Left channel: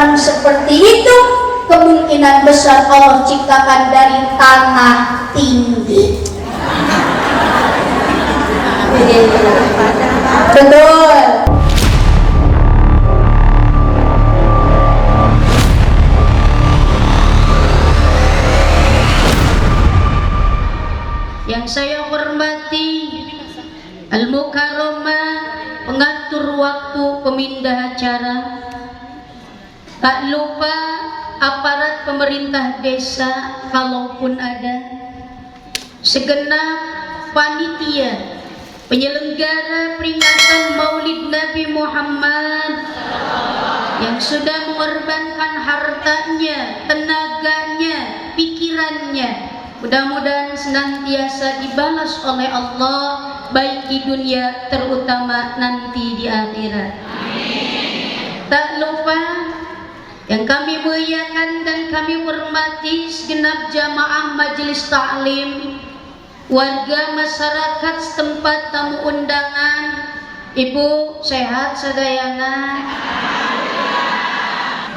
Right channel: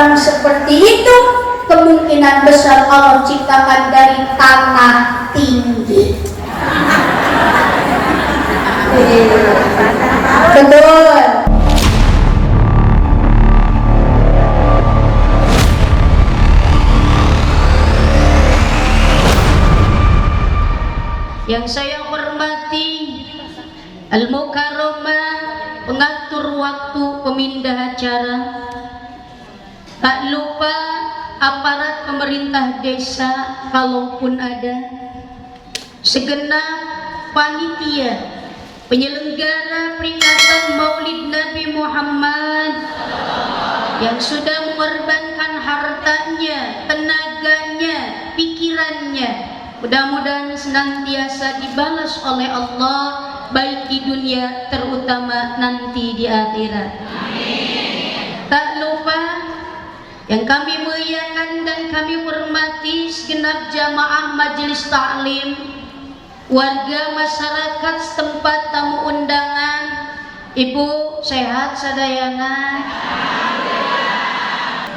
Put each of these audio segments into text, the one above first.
orang seperti itu kemungkinan besar Allah ciptakan dari tanah tinggi. Betul. Yang saya hormati Al-Mukarramah, pengatur waktu, pemindah acara, tak lupa aparat pemerintah desa kalaupun ada, segenap panitia penyelenggara peringatan Maulid Nabi Muhammad yang sudah mengorbankan hartanya, tenaganya, pikirannya, mudah-mudahan senantiasa dibalas oleh Allah baik di dunia terutama nanti di akhirat. Tak lupa yang kami muliakan dan kami hormati segenap jamaah majelis taklim, warga masyarakat setempat, tamu undangan. Ibu sehat sadayana?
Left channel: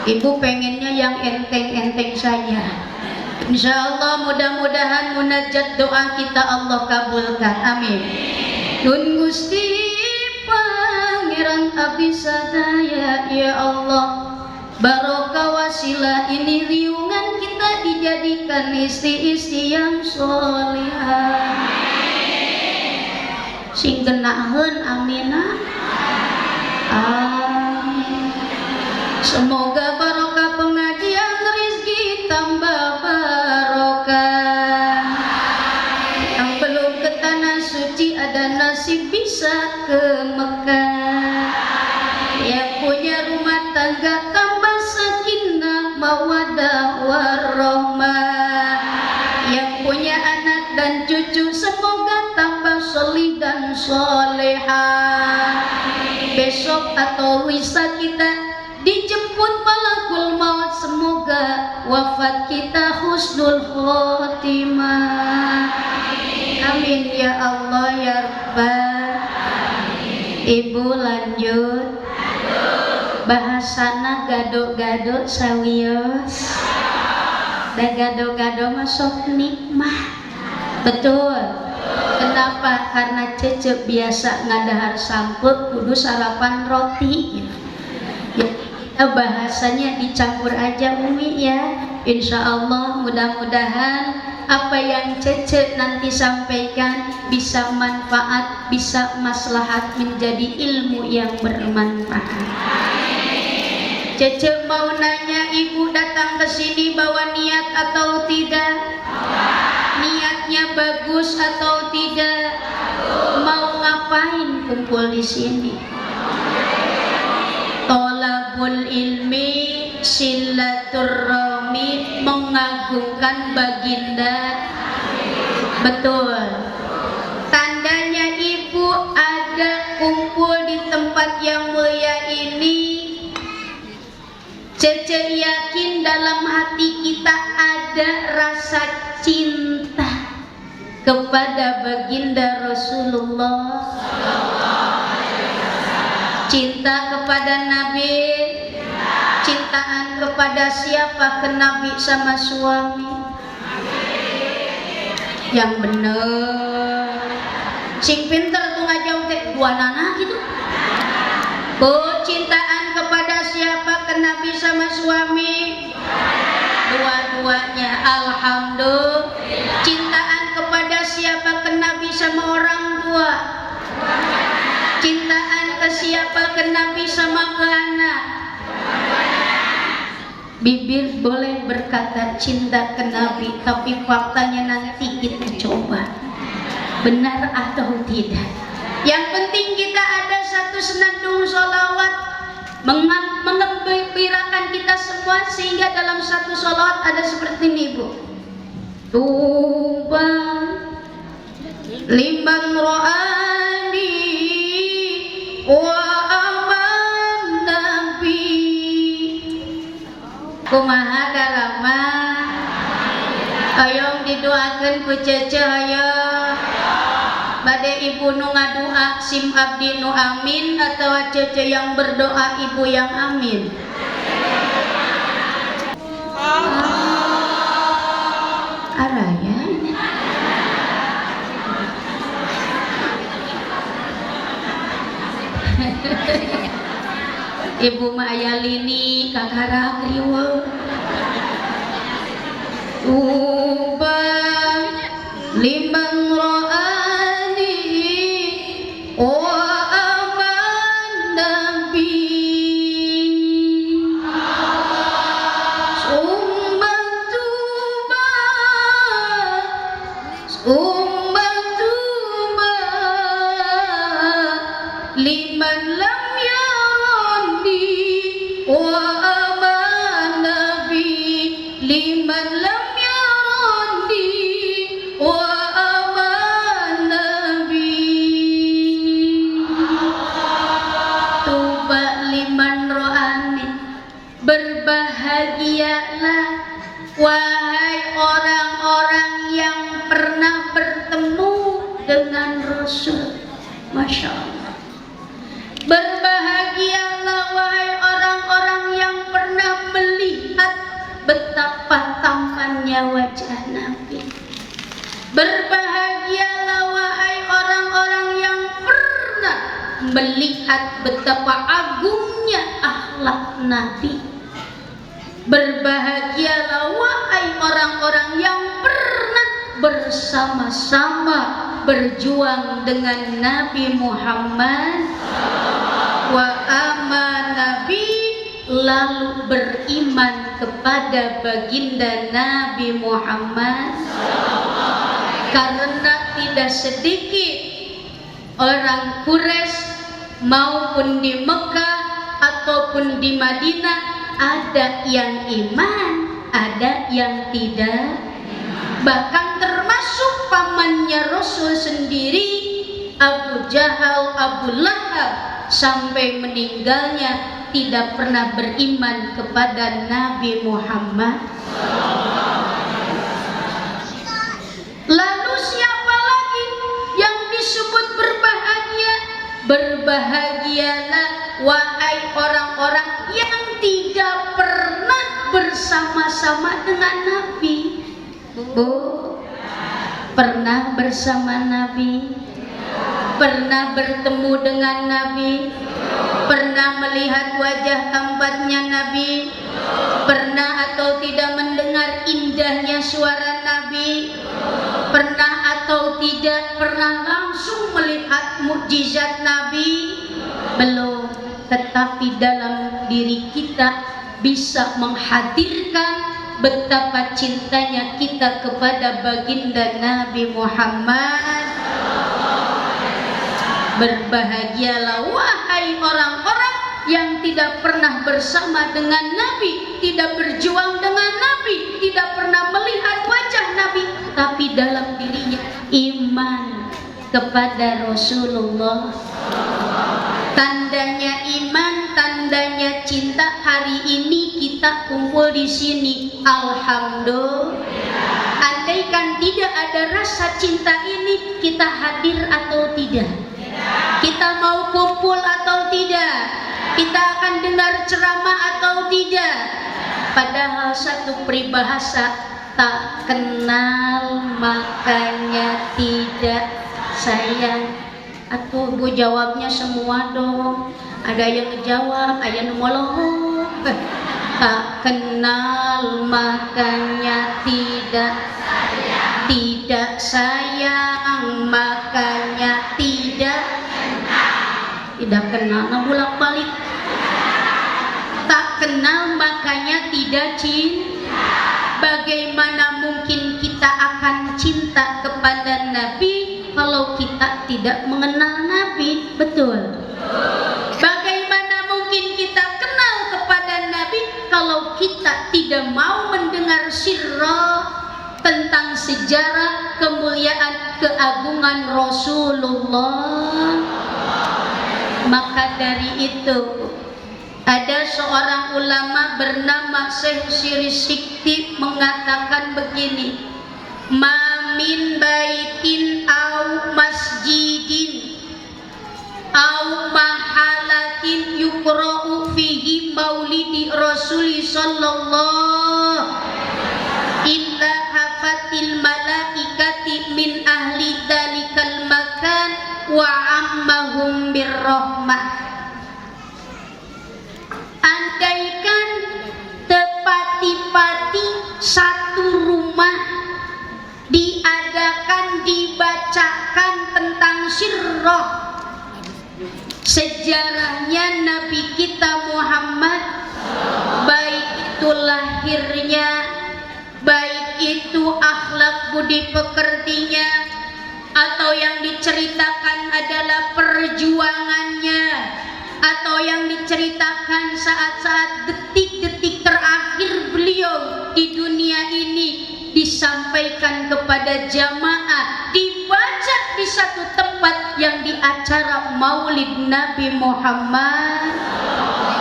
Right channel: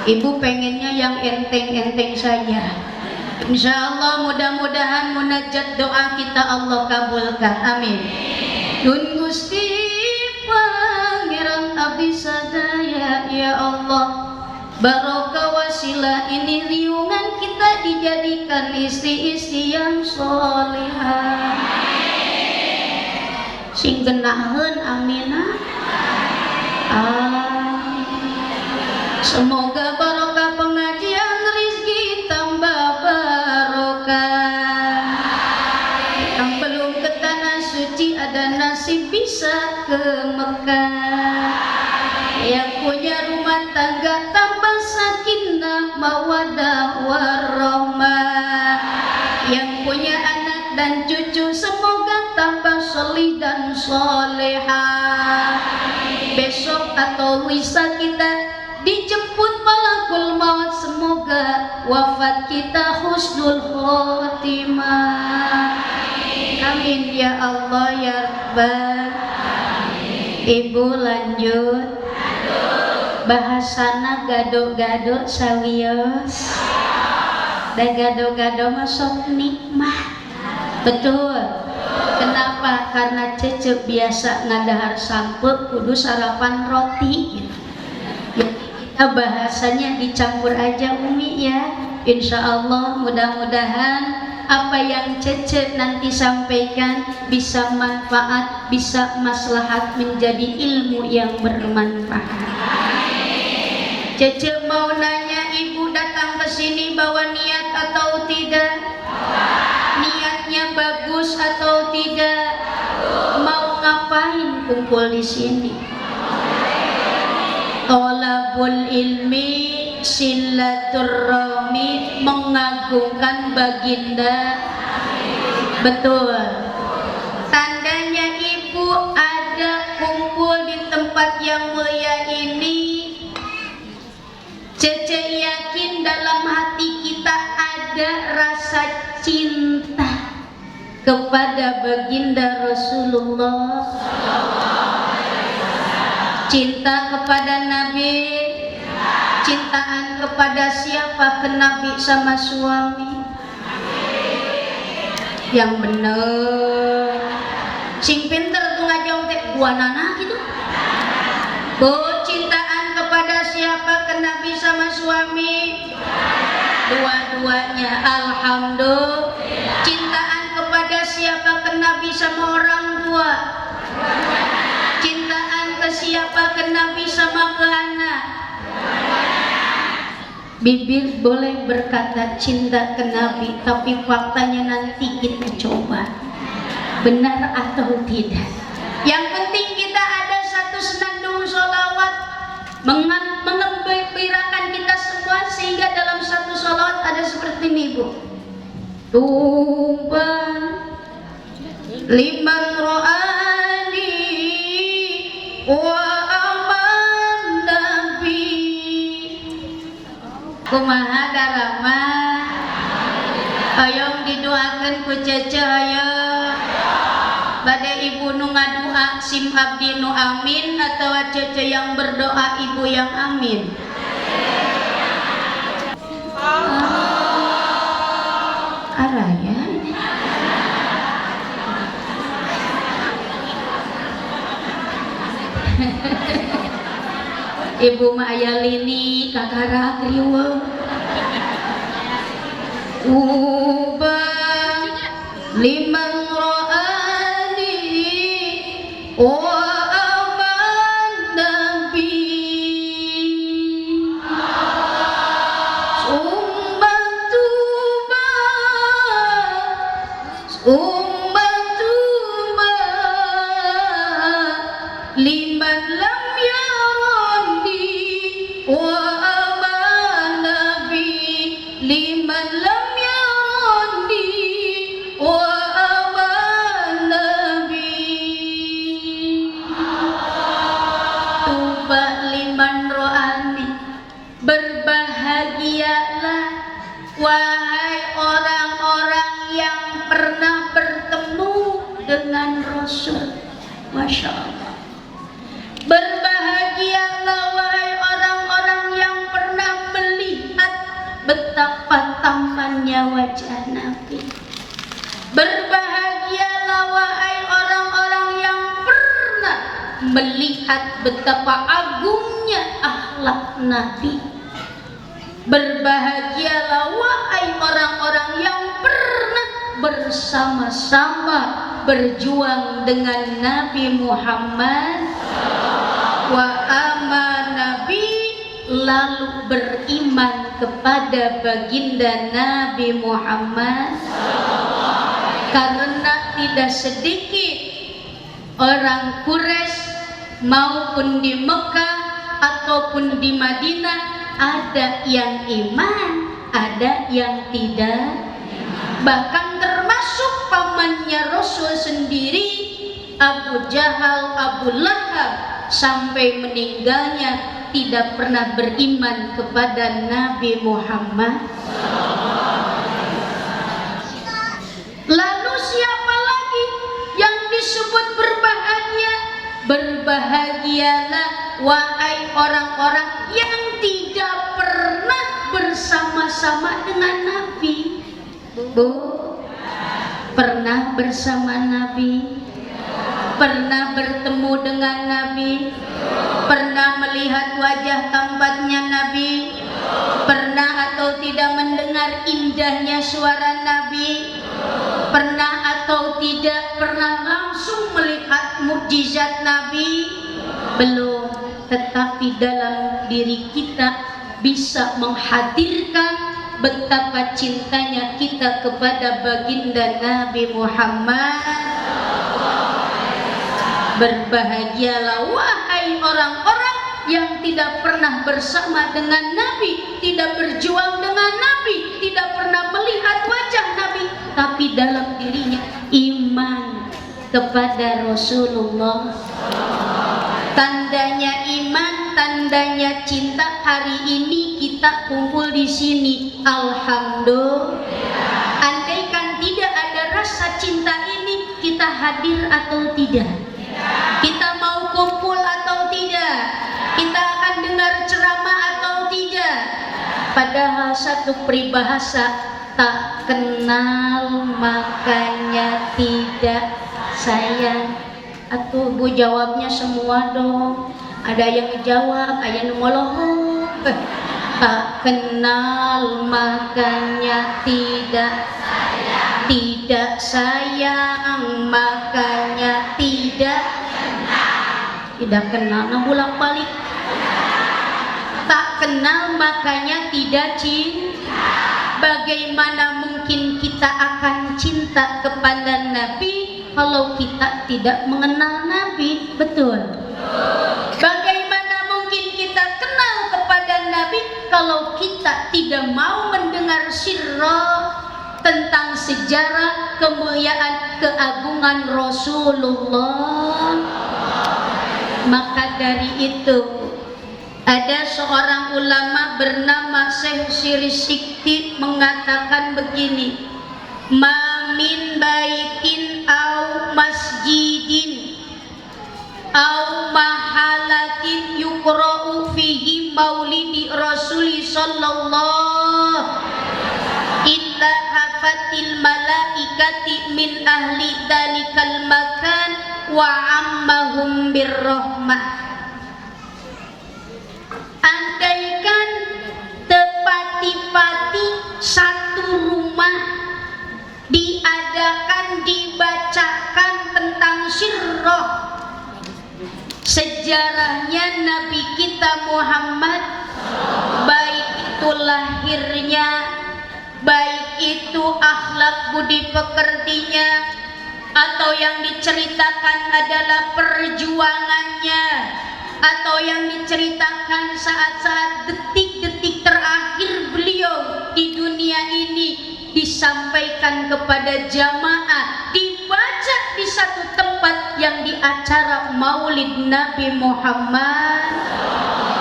Ibu pengennya yang enteng-enteng saja. Insya Allah mudah-mudahan munajat doa kita Allah kabulkan. Amin. Nun Gusti Pangeran abdi sadaya ya Allah, barokah wasilah ini riungan kita dijadikan istri-istri yang sholihah. Sing genaheun aminah. Semoga barokah pengajian, rezeki tambah barokah. Yang belum ke tanah suci ada nasib bisa ke Mekah. Yang punya rumah tangga tambah sakinah mawaddah warahmah. Yang punya anak dan cucu semoga tambah solih dan solehah. Besok atau lusa kita dijemput malakul maut, semoga wafat kita husnul khotimah. Amin ya Allah ya Rabbal. Ibu lanjut. Bahasana gado-gado sawios. Da gado-gado masuk nikmat. Betul. Kenapa? Karena cecep biasa ngadahar samput kudu sarapan roti. Jadi kita bahasanya dicampur aja Umi ya. Insya Allah mudah-mudahan apa yang Cece nanti sampaikan bisa manfaat, bisa maslahat, menjadi ilmu yang bermanfaat. Cece mau nanya, ibu datang ke sini bawa niat atau tidak? Niatnya bagus atau tidak? Mau ngapain kumpul di sini? Tolabul ilmi silaturrahmi, mengagungkan baginda. Betul. Tandanya ibu ada kumpul di tempat yang mulia ini, Cece yakin dalam hati kita ada rasa cinta kepada baginda Rasulullah, cinta kepada Nabi, cintaan kepada siapa? Ke Nabi sama suami. Yang bener. Sing pinter tuh ngajawab teh dua nana gitu. Bu, cintaan kepada siapa? Ke Nabi sama suami. Dua-duanya. Alhamdulillah. Cintaan kepada siapa? Ke Nabi sama orang tua. Cintaan ke siapa? Ke Nabi sama ke anak. Bibir boleh berkata cinta ke Nabi, tapi faktanya nanti kita coba benar atau tidak. Yang penting kita ada satu senandung sholawat mengembirakan kita semua, sehingga dalam satu sholawat ada seperti ini Bu. Tumpang liman ro'ani wa aman nabi. Kumaha darama hayong didoakeun ku Cece hayo. Bade ibu nu ngadua sim abdi nu amin atau Cece yang berdoa ibu yang amin? Ibu mah aya lini kakarak riweuh. Ubah liman ro'ani wa aman nabi umman tuba liman lam yarani wa aman nabi liman lam yarani wa aman nabi. Tuba liman ro'ani, berbahagialah wahai orang-orang yang pernah bertemu dengan Rasul. Masya Allah. Berbahagialah wahai orang-orang yang pernah melihat betapa tampannya wajah Nabi. Berbahagialah wahai orang-orang yang pernah melihat betapa agungnya akhlak Nabi. Berbahagialah wahai orang-orang yang pernah bersama-sama berjuang dengan Nabi Muhammad wa aman Nabi, lalu beriman kepada baginda Nabi Muhammad. Karena tidak sedikit orang Quraisy maupun di Mekah ataupun di Madinah, ada yang iman, ada yang tidak. Bahkan termasuk pamannya Rasul sendiri, Abu Jahal, Abu Lahab, sampai meninggalnya tidak pernah beriman kepada Nabi Muhammad. Lalu siapa lagi yang disebut berbahagia? Berbahagialah wahai orang-orang yang tidak pernah bersama-sama dengan Nabi. Bu, pernah bersama Nabi? Pernah bertemu dengan Nabi? Pernah melihat wajah tampaknya Nabi? Pernah atau tidak mendengar indahnya suara Nabi? Pernah atau tidak pernah langsung melihat mukjizat Nabi? Belum. Tetapi dalam diri kita bisa menghadirkan betapa cintanya kita kepada baginda Nabi Muhammad. Berbahagialah wahai orang-orang yang tidak pernah bersama dengan Nabi, tidak berjuang dengan Nabi, tidak pernah melihat wajah Nabi, tapi dalam dirinya iman kepada Rasulullah. Tandanya iman, tandanya cinta. Hari ini kita kumpul di sini, alhamdulillah. Andaikan tidak ada rasa cinta ini, kita hadir atau tidak? Kita mau kumpul atau tidak? Kita akan dengar ceramah atau tidak? Padahal satu peribahasa, tak kenal makanya tidak sayang. Atuh Bu, jawabnya semua dong. Ada yang ngejawab, ada yang ngoloh. Tak kenal makanya tidak sayang. Tidak sayang makanya tidak kenal. Nah, bolak-balik. Tak kenal makanya tidak cinta. Bagaimana mungkin kita akan cinta kepada Nabi kalau kita tidak mengenal Nabi? Betul. Bagaimana mungkin kita kenal kepada Nabi kalau kita tidak mau mendengar sirah tentang sejarah kemuliaan keagungan Rasulullah? Maka dari itu ada seorang ulama bernama Syekh Sirisikti mengatakan begini, ma min baitin au masjidin au mahalatin yukra'u fihi maulidi Rasuli sallallahu illa hafatil malaikati min ahli dalikal makan wa ammahum birrahmah. sejarahnya Nabi kita Muhammad, baik itu lahirnya, baik itu akhlak budi pekertinya, atau yang diceritakan adalah perjuangannya, atau yang diceritakan saat-saat detik-detik terakhir beliau di dunia ini, disampaikan kepada jamaah, dibaca di satu tempat yang di acara Maulid Nabi Muhammad.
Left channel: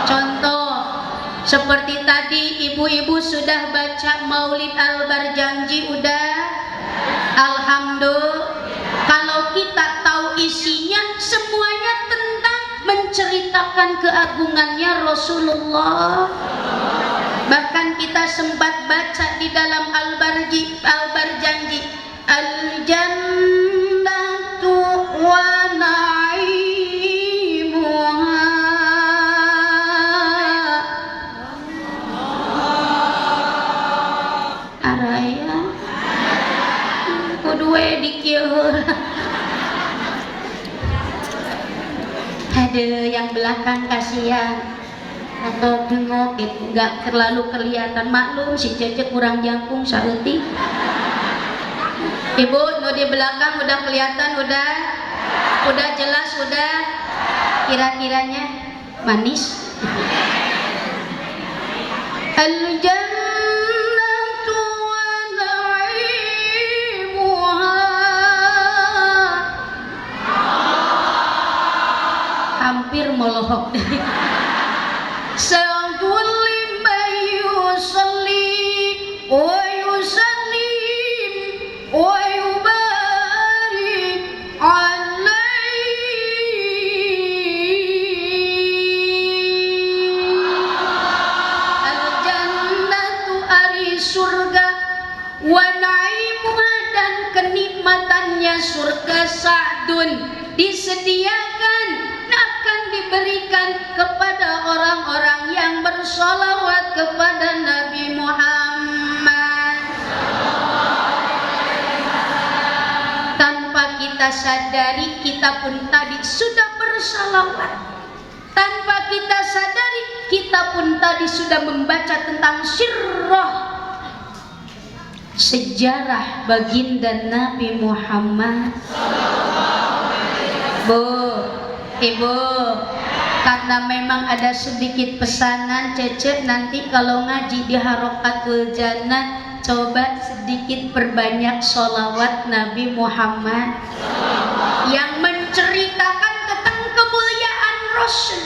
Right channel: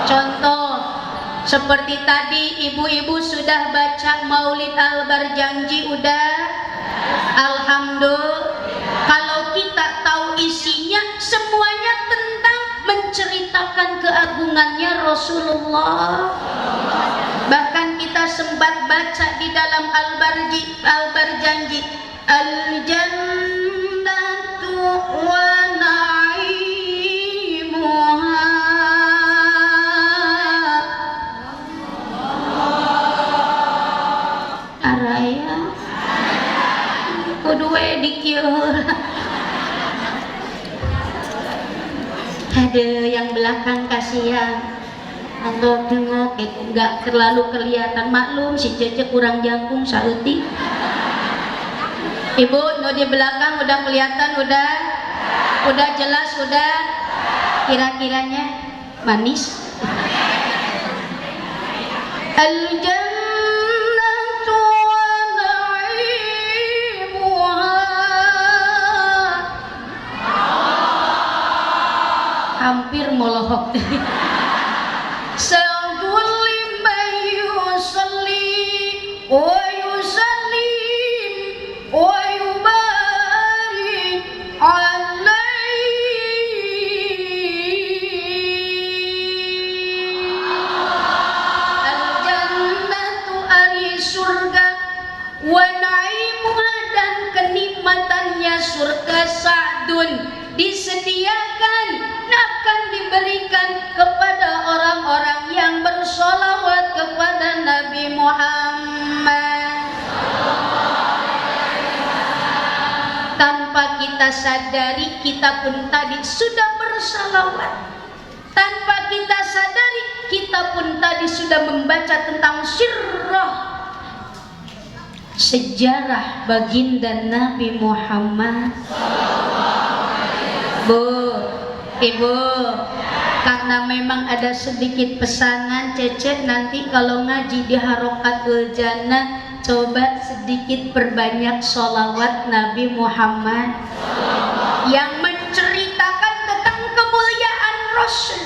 Contoh seperti tadi ibu-ibu sudah baca Maulid Al-Barjangji, udah? Alhamdulillah. Kalau kita tahu isinya, semuanya tentang menceritakan keagungannya Rasulullah. Bahkan kita sempat baca di dalam Al-Barjangji, Al-Jannatu wa na'imuha. Araya kudu dikieur. Ada yang belakang kasihan atau tengok nggak terlalu kelihatan, maklum si Cece kurang jangkung sauti. Ibu no di belakang udah kelihatan, udah jelas, udah kira-kiranya manis. Al-jannatu wa na'imuha. Hampir molohok. Sa'dun liman yusalli wa yusallim wa yubarik alaihi. Al-jannatu ari surga, wa na'imuha dan kenikmatannya surga, sa'dun disediakan, akan diberikan kepada orang-orang yang bersolawat kepada Nabi Muhammad. Tanpa kita sadari, kita pun tadi sudah bersolawat. Tanpa kita sadari, kita pun tadi sudah membaca tentang sirrah, sejarah baginda Nabi Muhammad. Bu, Ibu, karena memang ada sedikit pesanan Cece, nanti kalau ngaji di Harokatul Jannah, coba sedikit perbanyak sholawat Nabi Muhammad yang menceritakan tentang kemuliaan Rasul,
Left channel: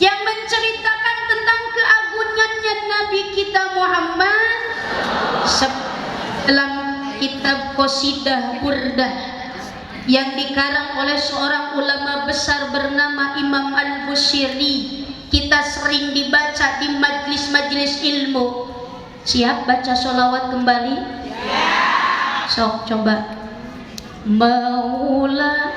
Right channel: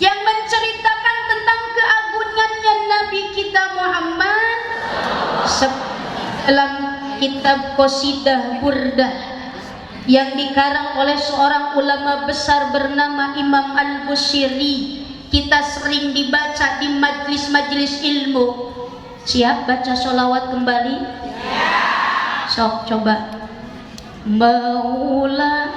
yang menceritakan tentang keagungannya Nabi kita Muhammad. Dalam kitab Qasidah Burdah yang dikarang oleh seorang ulama besar bernama Imam Al-Busiri, kita sering dibaca di majlis-majlis ilmu. Siap baca sholawat kembali? Sok coba. Maula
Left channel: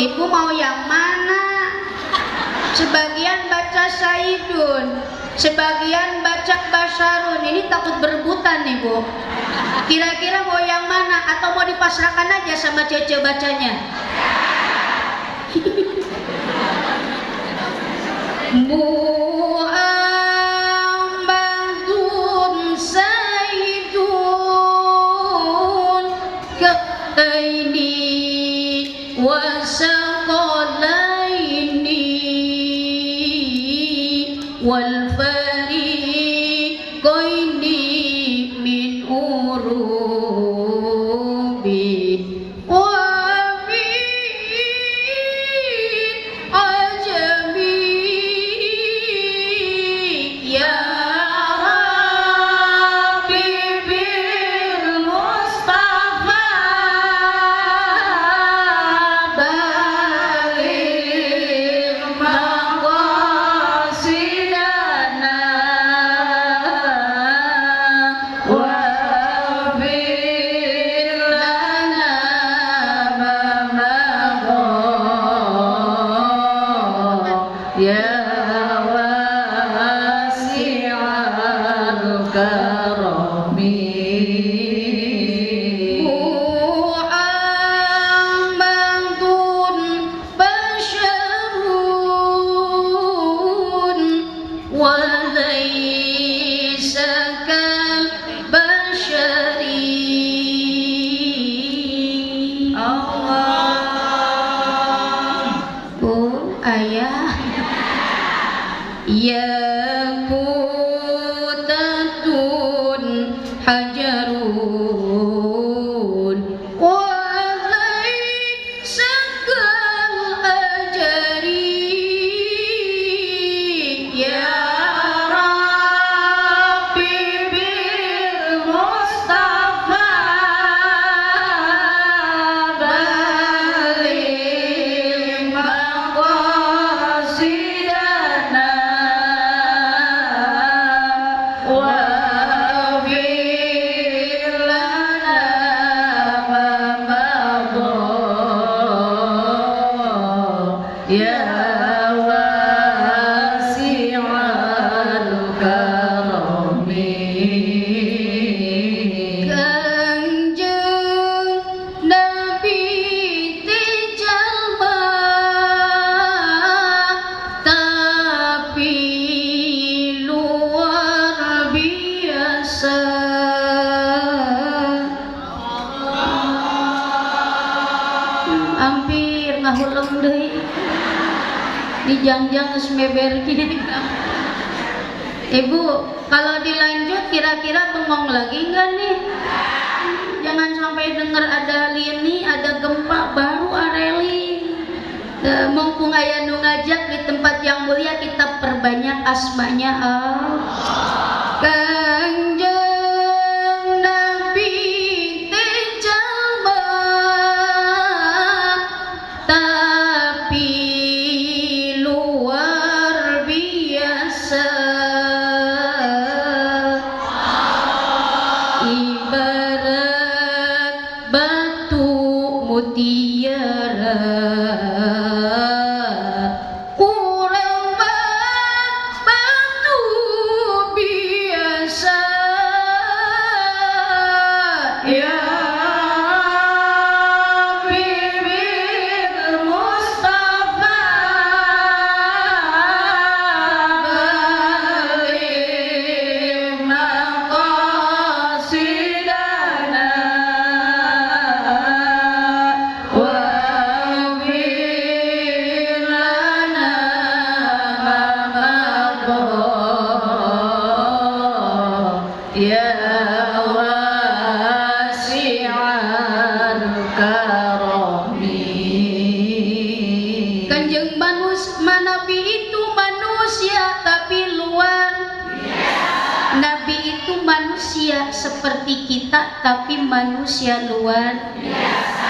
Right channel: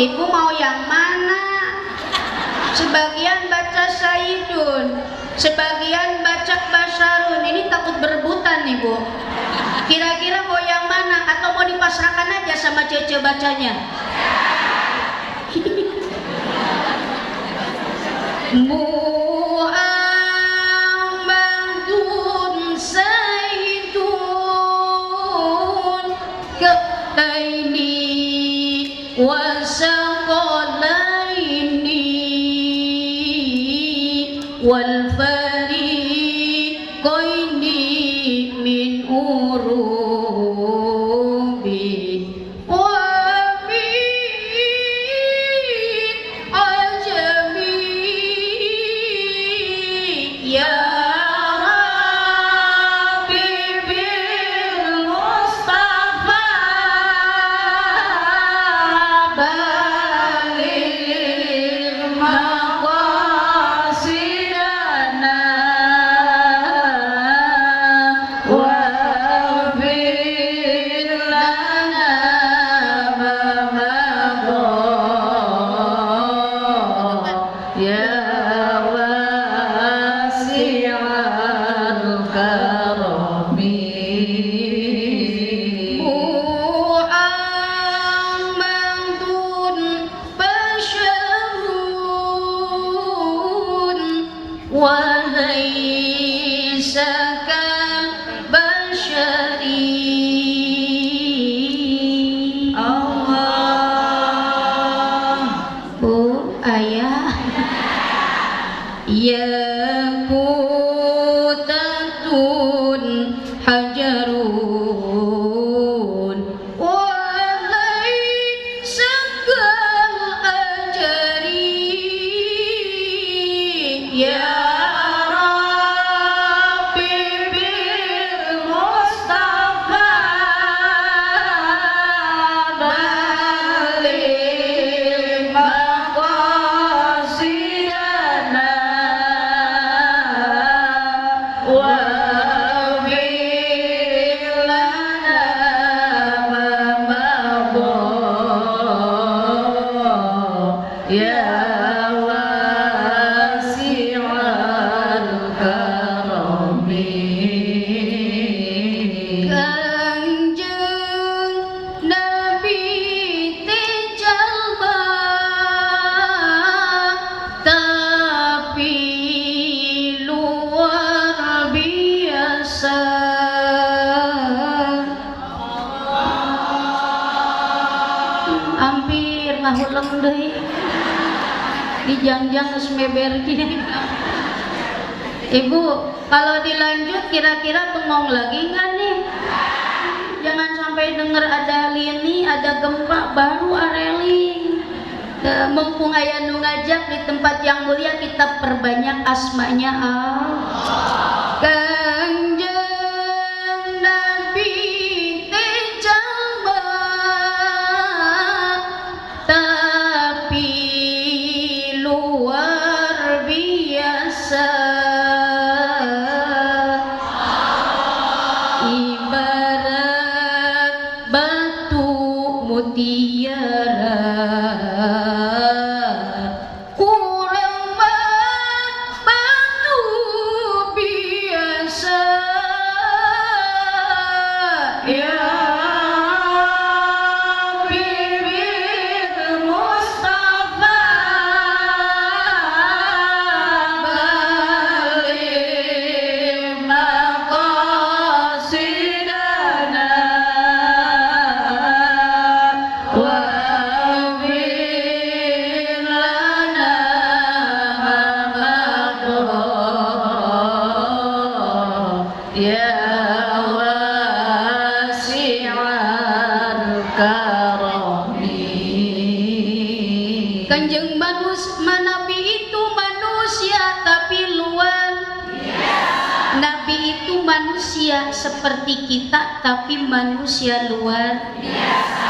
Ibu mau yang mana? Sebagian baca Saidun, sebagian baca Basarun. Ini takut berebutan nih Bu. Kira-kira mau yang mana? Atau mau dipasrahkan aja sama Cece bacanya? Muhammadun Saidun Kaini wasaqalaini wal fariqaini min urubi wa min ajami ya yaqutatun hajarun walai segal ajari ya Rabbi bil Mustafa baligh maqasidana wa ya wasi'al karami Kanjeng Nabi tejalma tapi luar biasa hampir ngahuleng deui dijangjang geus meber gini. Ibu, kalau dilanjut kira-kira bengong lagi enggak nih? Jangan sampai dengar ada lini, ada gempa baru areling. Mumpung aya nu ngajak di tempat yang mulia, kita perbanyak asmanya Allah. Kanjeng Nabi tejalma tapi luar biasa ibarat batu mutiara kurang batu biasa ya Bibir Mustafa baligh maqasidana wa ghfir lana ma mada ya wasi'al karami. Kanjeng Nabi itu manusia tapi luar biasa. Nabi itu manusia seperti kita tapi manusia luar biasa.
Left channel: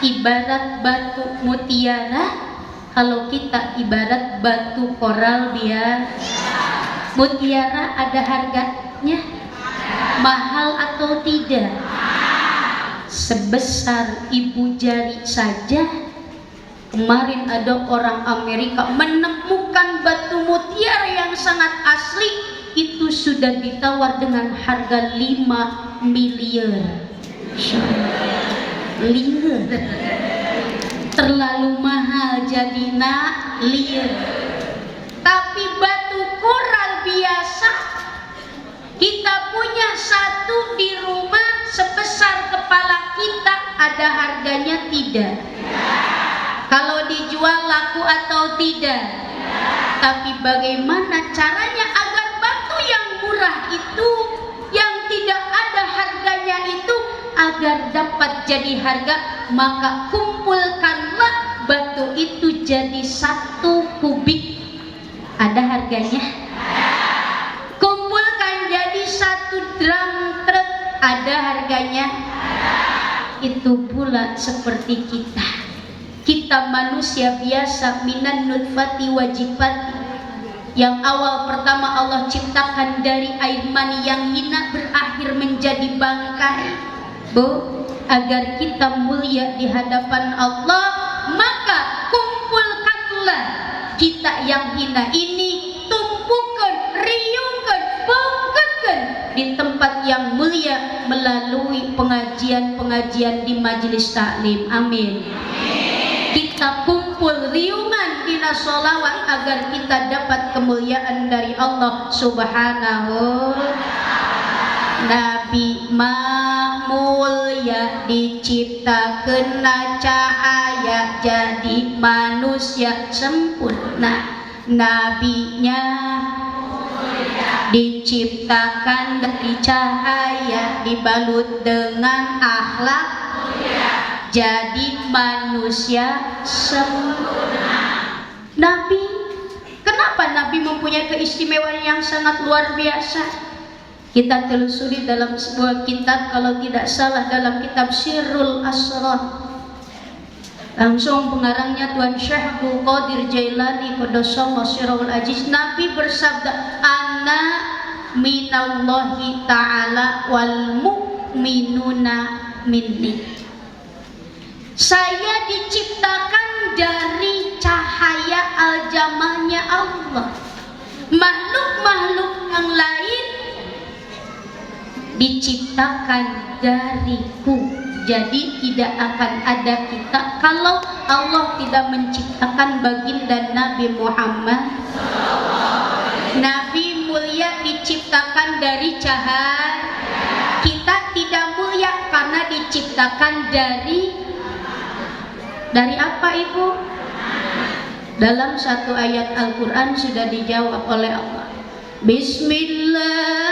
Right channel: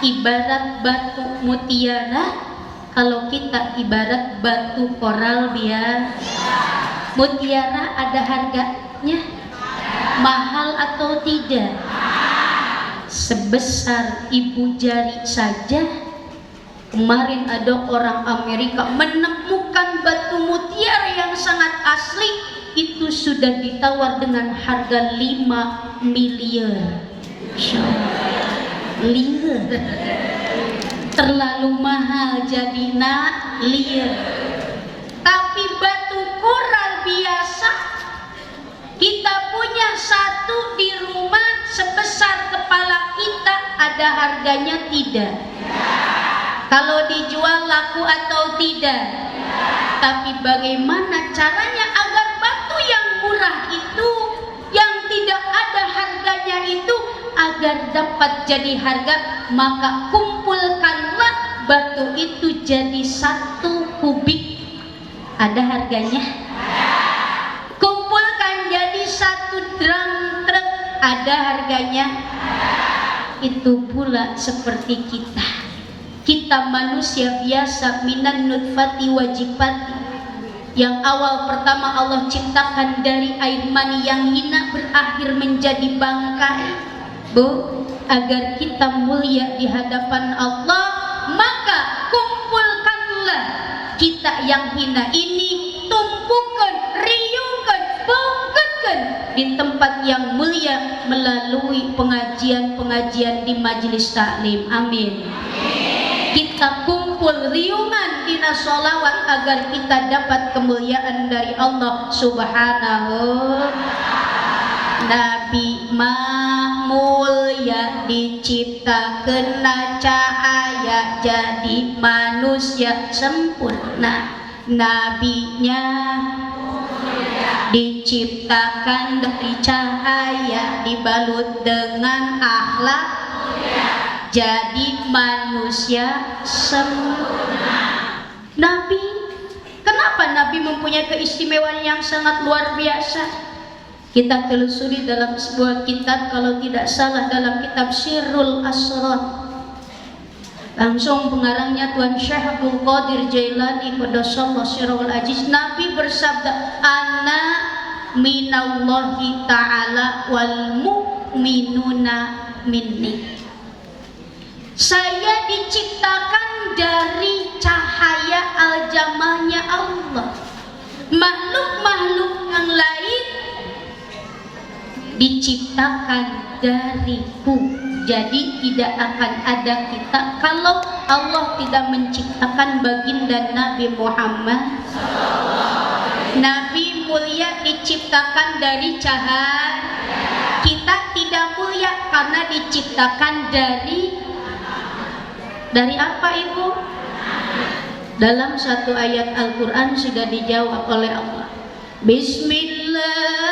Ibarat batu mutiara, kalau kita ibarat batu koral biasa. Mutiara ada harganya? Mahal atau tidak? Sebesar ibu jari saja. Kemarin ada orang Amerika menemukan batu mutiara yang sangat asli, itu sudah ditawar dengan harga 5 miliar. Liar. Terlalu mahal jadi liar. Tapi batu koral biasa kita punya satu di rumah sebesar kepala kita, ada harganya tidak? Kalau dijual laku atau tidak? Tapi bagaimana caranya agar batu yang murah itu, yang tidak ada harganya itu, agar dapat jadi harga? Maka kumpulkanlah batu itu jadi 1 kubik. Ada harganya? Kumpulkan jadi 1 drum truk. Ada harganya? Itu pula seperti kita. Kita manusia biasa, minan nutfati wajibati, yang awal pertama Allah ciptakan dari air mani yang hina berakhir menjadi bangkai. Bu, agar kita mulia di hadapan Allah, maka kumpulkanlah kita yang hina ini, tumpukan, riungkan, bangkitkan di tempat yang mulia melalui pengajian-pengajian di majelis taklim. Amin. Kita kumpul riungan dina sholawat agar kita dapat kemuliaan dari Allah Subhanahu. Nabi mulia diciptakeun cahaya jadi manusia sempurna. Nabinya diciptakan dari cahaya, dibalut dengan akhlak, jadi manusia sempurna. Nabi, kenapa Nabi mempunyai keistimewaan yang sangat luar biasa? Kita telusuri dalam sebuah kitab, kalau tidak salah dalam kitab Sirrul Asrar, langsung pengarangnya Tuan Syekh Abdul Qadir Jailani Qaddasallahu sirrahul aziz, Nabi bersabda, ana minallahi ta'ala wal mu'minuna minni. Saya diciptakan dari cahaya al-jamalnya Allah. Makhluk-makhluk yang lain diciptakan dariku. Jadi tidak akan ada kita kalau Allah tidak menciptakan baginda Nabi Muhammad. Nabi mulia diciptakan dari cahaya. Kita tidak mulia karena diciptakan dari apa Ibu? Dalam satu ayat Al-Quran sudah dijawab oleh Allah. Bismillahirrahmanirrahim.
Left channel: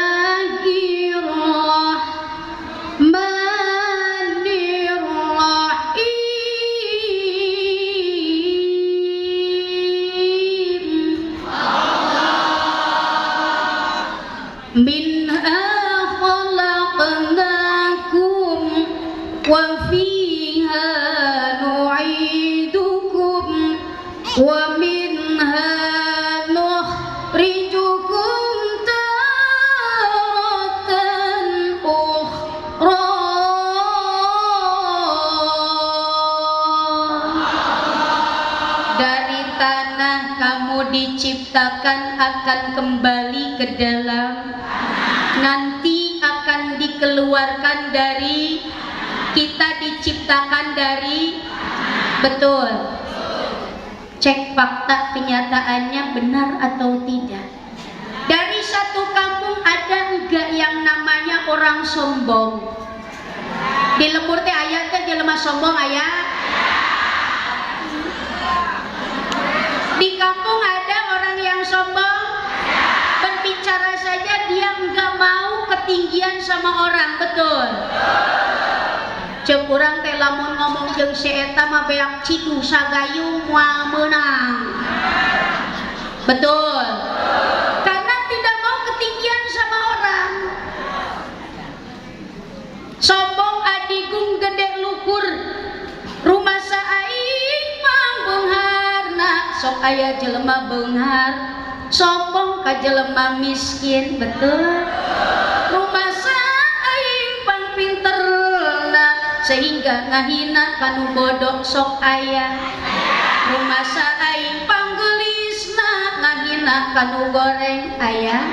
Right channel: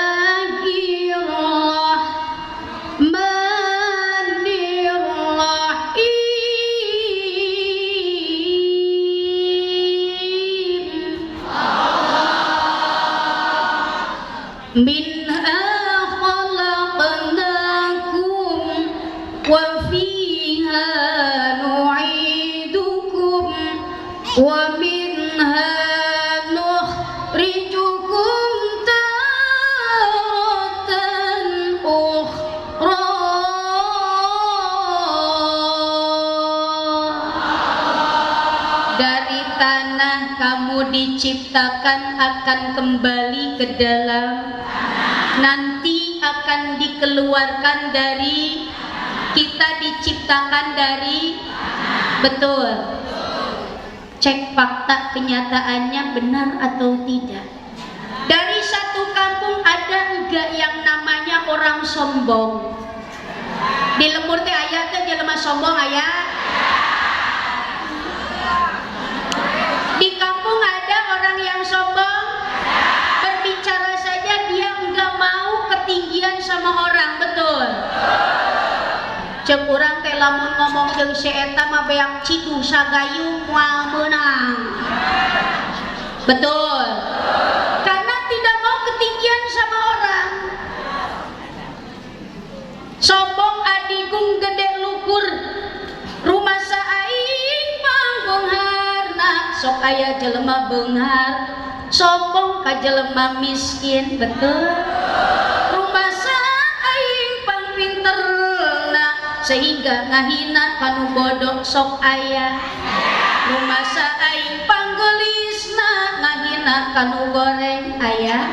Minha khalaqnakum wa fiha nu'idukum wa minha nukhrijukum taratan ukhra. Dari tanah kamu diciptakan, akan kembali ke dalam, nanti akan dikeluarkan dari, kita diciptakan dari, betul. Cek fakta kenyataannya benar atau tidak. Dari satu kampung ada enggak yang namanya orang sombong? Di lembur teh aya teh jelema sombong aya. Di kampung ada orang yang sombong, berbicara saja dia enggak mau ketinggian sama orang, betul. Cek urang teh lamun ngomong jeung si eta mah beak cidu sagayung moal meunang. Betul. Karena tidak mau ketinggian sama orang. Sombong adigung gede lukur. Rumah saing manggung harna, sok aya jelema beunghar. Sombong ka jelema miskin, betul. Rumah saing pang pinter sehingga ngahina kanu bodoh sok aya. Rumah saing panggelisna ngahina kanu goreng aya.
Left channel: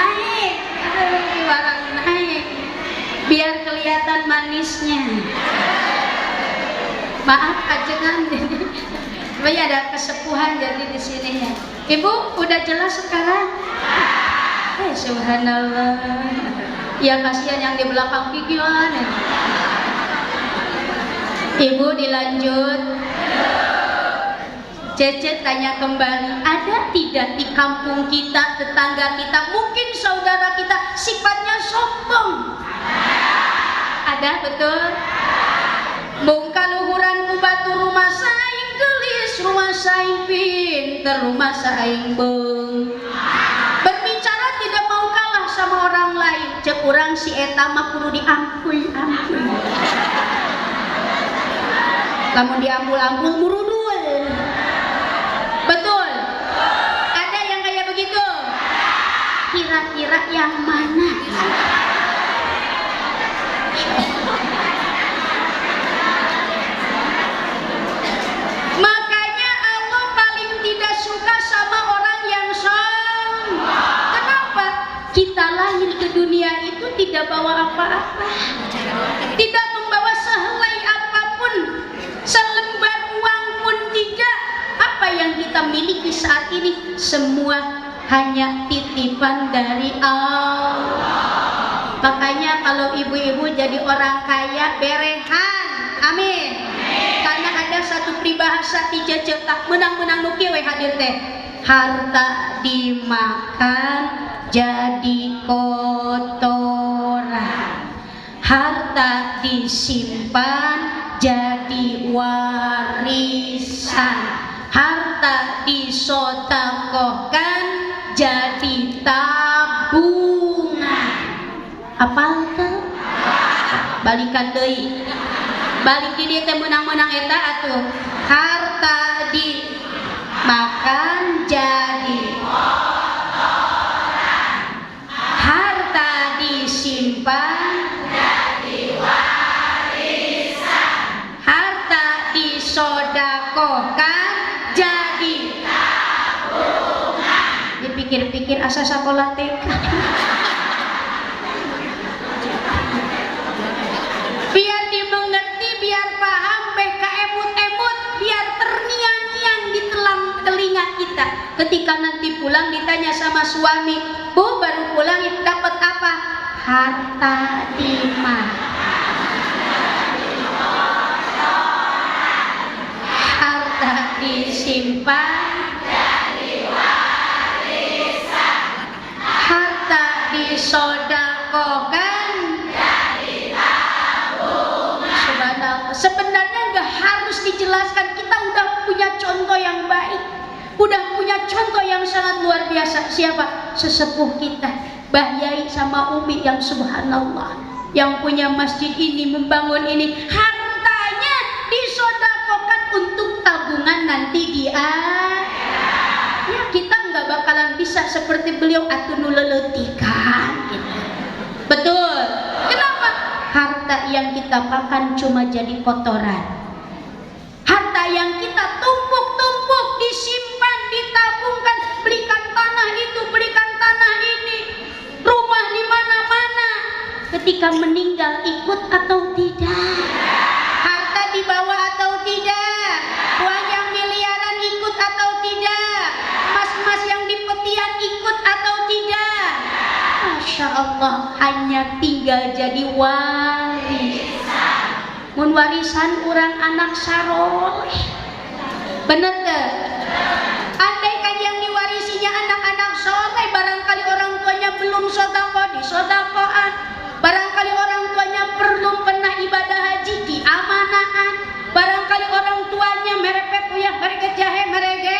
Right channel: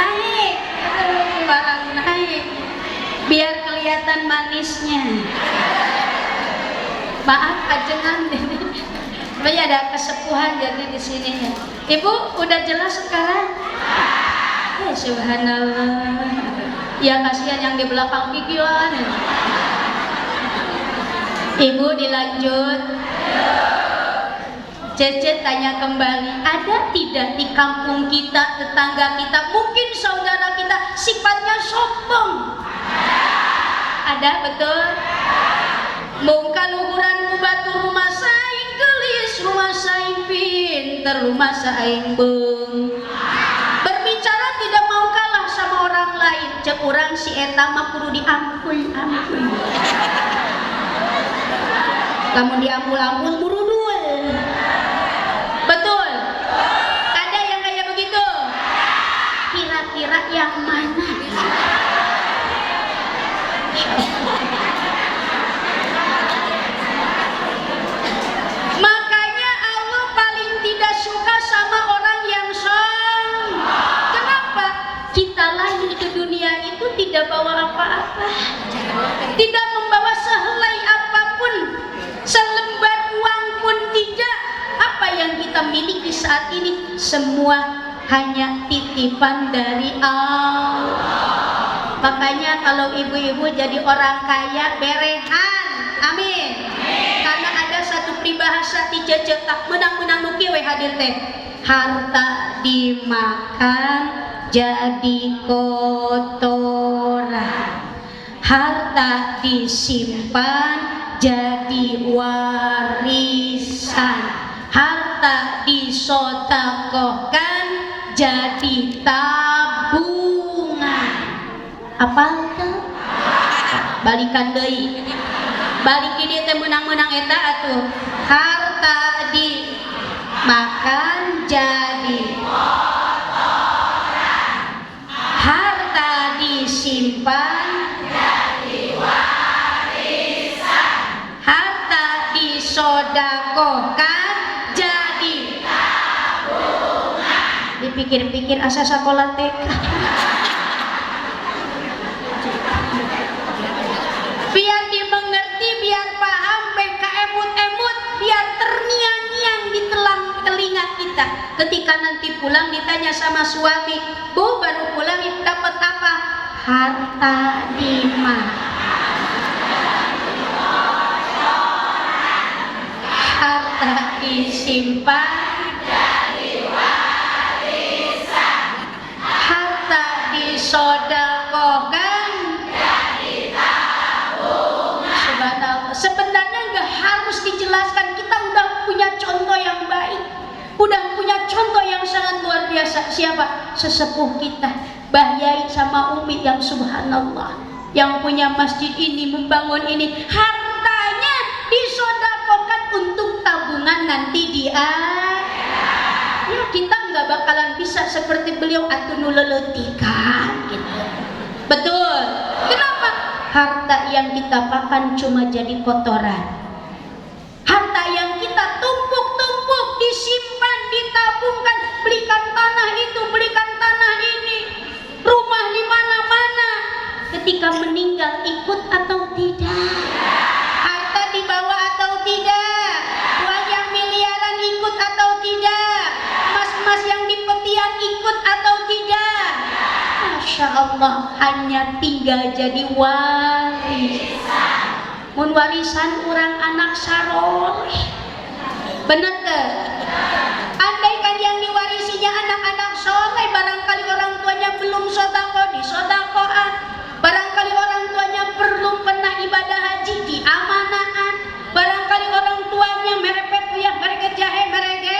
naik barang naik biar kelihatan manisnya. Maaf ajengan, banyak ada kesepuhan jadi di sininya. Ibu udah jelas sekarang? Subhanallah. Ya kasihan yang di belakang kikian. Ibu dilanjut. Cece tanya kembali, ada tidak di kampung kita, tetangga kita, mungkin saudara kita sifatnya sombong? Ada, betul? Mungkin luhuran batu rumah saing gelis, rumah saing pinter, rumah saing beung. Berbicara tidak mau kalah sama orang lain. Cek urang si eta mah kudu diampul-ampul. Kamu diampul-ampul murudul. Betul? Ada yang kayak begitu? Kira-kira yang mana? Makanya Allah paling tidak suka sama orang yang sombong. Kenapa? Kita lahir ke dunia itu tidak bawa apa-apa, tidak membawa sehelai apapun, selembar uang pun tidak. Apa yang kita miliki saat ini semua hanya titipan dari Allah. Makanya kalau ibu-ibu jadi orang kaya berehan, amin. Karena ada satu peribahasa ti cecek menang-menang nuki we hadir teh. Harta dimakan jadi kotoran, harta disimpan jadi warisan, harta disodakohkan jadi tabungan. Apa tuh? Balikan deui. Balik di dieu teh menang-menang eta atuh. Harta dimakan jadi kotoran, harta disimpan jadi warisan, harta disodakohkan jadi tabungan. Dipikir-pikir asa sakola TK. Biar dimengerti, biar paham, BK emut-emut, biar terngiang-ngiang di telinga kita. Ketika nanti pulang ditanya sama suami, Bu baru pulang itu dapat apa? Harta dimakan, harta disimpan jadi warisan, harta disodakohkan jadi tabungan. Sebenarnya nggak harus dijelaskan, kita udah punya contoh yang baik, udah punya contoh yang sangat luar biasa. Siapa? Sesepuh kita, Mbah Yai sama Umi yang subhanallah, yang punya masjid ini, membangun ini, hartanya disodakokan untuk tabungan nanti di akhirat. Ya kita nggak bakalan bisa seperti beliau atau nuleletikan gitu. Betul. Kenapa? Harta yang kita makan cuma jadi kotoran. Harta yang kita tumpuk-tumpuk, disimpan, ditabungkan, belikan tanah itu, belikan tanah ini, rumah di mana-mana. Ketika meninggal ikut atau tidak? Harta dibawa atau tidak? Uang yang miliaran ikut atau tidak? Emas-emas yang di petian ikut atau tidak? Masya Allah, hanya tinggal jadi warisan. Mun warisan urang anak saroleh. Bener teh? Andaikan yang diwarisinya anak-anak soleh, barangkali orang tuanya belum sodako, disodakoan. Barangkali orang tuanya belum pernah ibadah haji, diamanaan. Barangkali orang tuanya merepet uyah, mereka jahe, mereka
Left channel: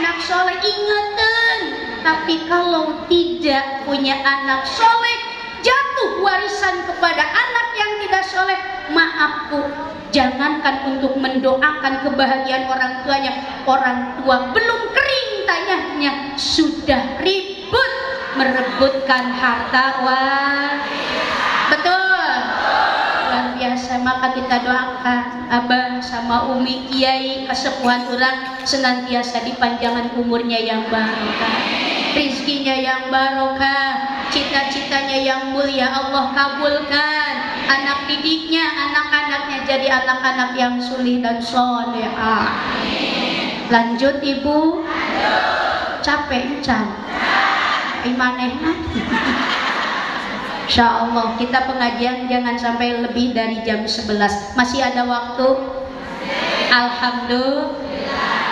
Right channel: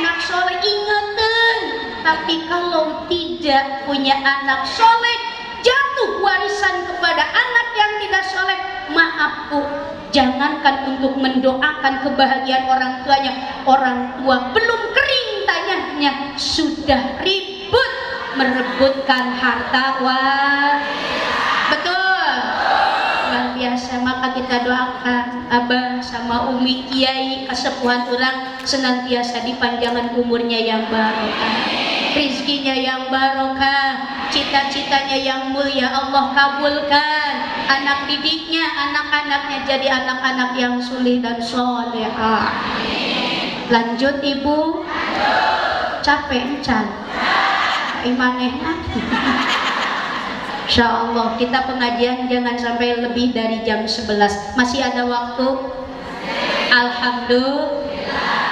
anak soleh, ingetin. Tapi kalau tidak punya anak soleh, jatuh warisan kepada anak yang tidak soleh, maaf Bu, jangankan untuk mendoakan kebahagiaan orang tuanya, orang tua belum kering tanyanya sudah ribut merebutkan harta warisan. Betul? Luar biasa. Maka kita doakan Abah sama Umi Kiai kesepuhan orang senantiasa dipanjangkan umurnya yang barokah, rizkinya yang barokah, cita-citanya yang mulia Allah kabulkan, anak didiknya, anak-anaknya jadi anak-anak yang sulih dan solehah. Lanjut Ibu. Capek encan imanehna. Insya Allah kita pengajian jangan sampai lebih dari jam 11. Masih ada waktu? Alhamdulillah.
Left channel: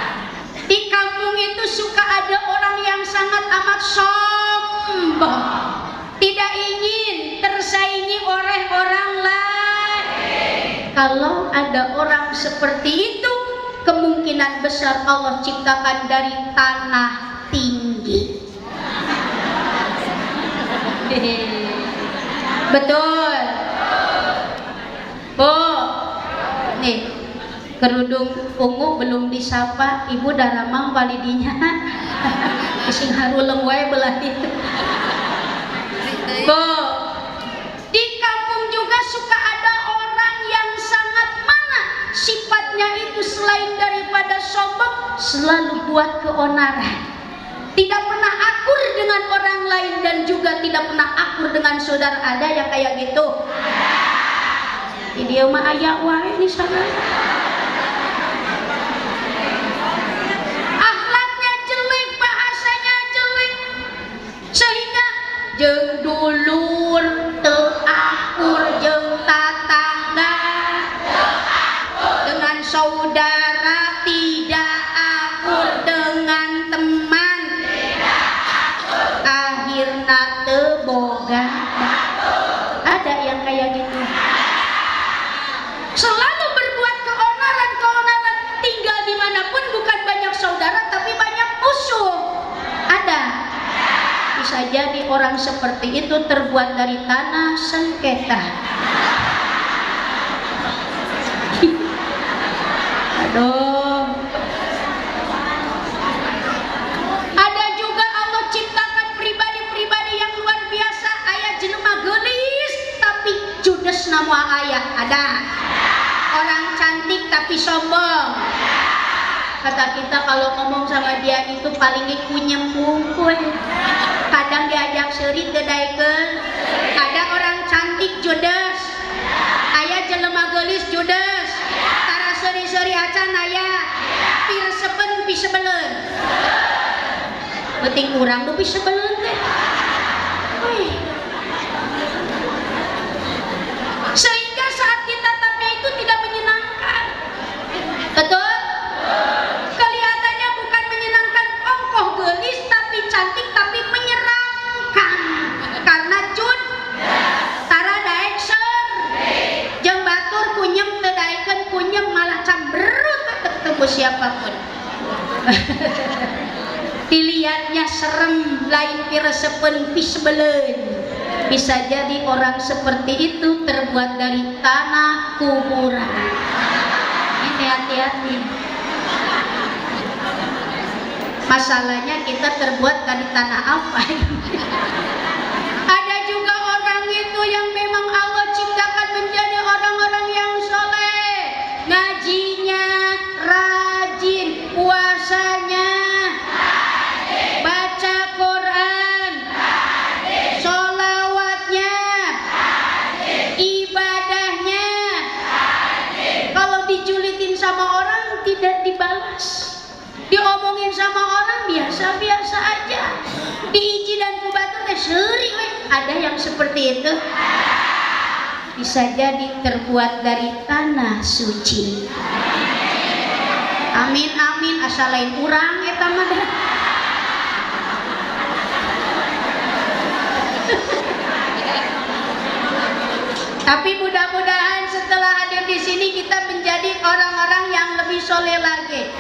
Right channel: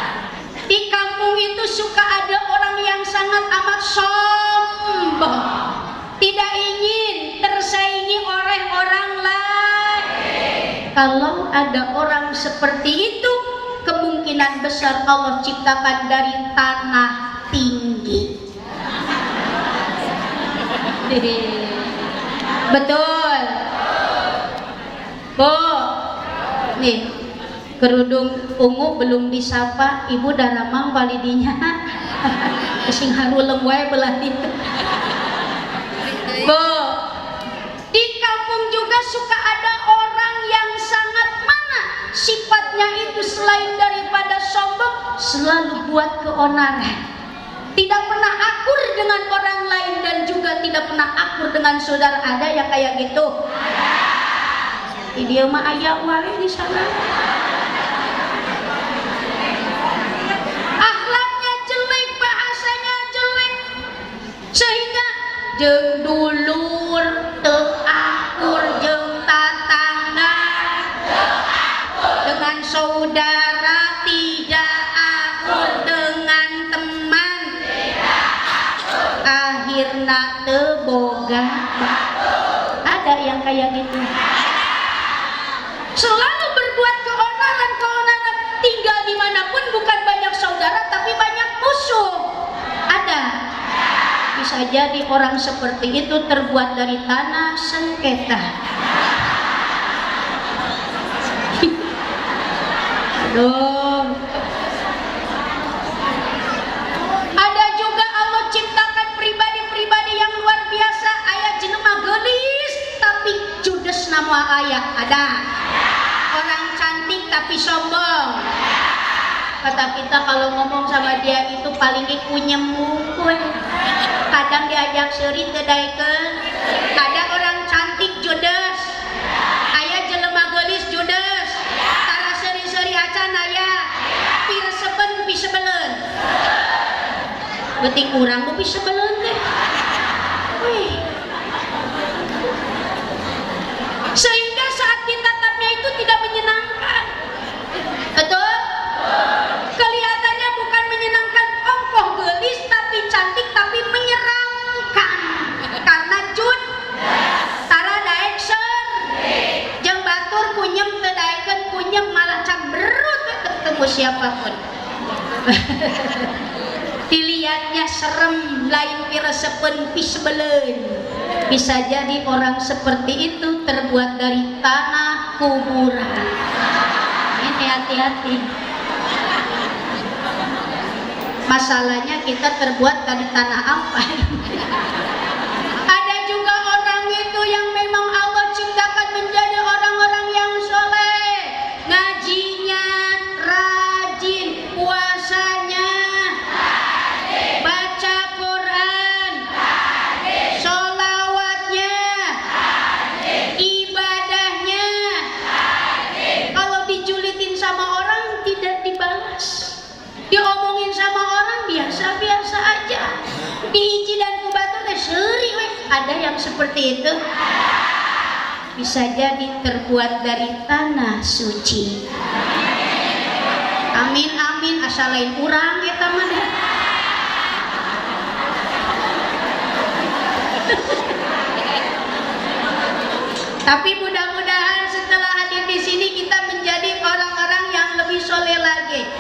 Di kampung itu suka ada orang yang sangat amat sombong, tidak ingin tersaingi oleh orang lain. Kalau ada orang seperti itu, kemungkinan besar Allah ciptakan dari tanah tinggi. Betul. Bu, nih kerudung ungu belum disapa, Ibu daramang palidinya. Sing haruleng wae belah itu. Bu, di kampung juga suka ada orang yang sangat mana sifatnya itu selain daripada sombong, selalu buat keonaran. Tidak pernah akur dengan orang lain dan juga tidak pernah akur dengan saudara. Ada yang kayak gitu? Di dia mah aya wae di sana. Akhlaknya jelek, bahasanya jelek. Sehingga dulu jadi orang seperti itu terbuat dari tanah sengketa. Aduh. Ada juga Allah ciptakan pribadi-pribadi yang luar biasa. Ayah jelema gelis tapi judes nama ayah. Ada. Orang cantik tapi sombong. Kata kita kalau ngomong sama dia itu paling kunyem bungkul. Kadang diajak seurit gedaikeun. Kadang orang cantik judes. Aya jelema geulis judes. Tara seuri-seuri acan aya. Piresepen pisebeleun. Beuting urang tuh pisebeleun teh. Sehingga saat ditatapnya itu tidak menyenangkan. Betul? Kelihatannya bukan menyenangkan, ongkoh gelis tapi cantik tapi menyeramkan. Karena jud tara daek seur jeung batur kunyem teu daekeun kunyem malah camberut ketemu siapapun. Dilihatnya serem lain piresepen pisebeleun. Bisa jadi orang seperti itu terbuat dari tanah kuburan. Ini hati-hati. Masalahnya kita terbuat dari tanah apa? Ada juga orang itu yang memang Allah ciptakan menjadi orang-orang yang soleh, ngajinya rajin, puasanya rajin, baca Quran rajin, sholawatnya rajin, ibadahnya rajin. Kalau dijulitin sama orang tidak dibalas. Diomongin sama orang biasa-biasa aja. Diiji dan kubatu teh seuri we. Ada yang seperti itu. Bisa jadi terbuat dari tanah suci. Amin amin asal lain urang eta mah deh. Tapi mudah-mudahan setelah hadir di sini kita menjadi orang-orang yang lebih soleh lagi.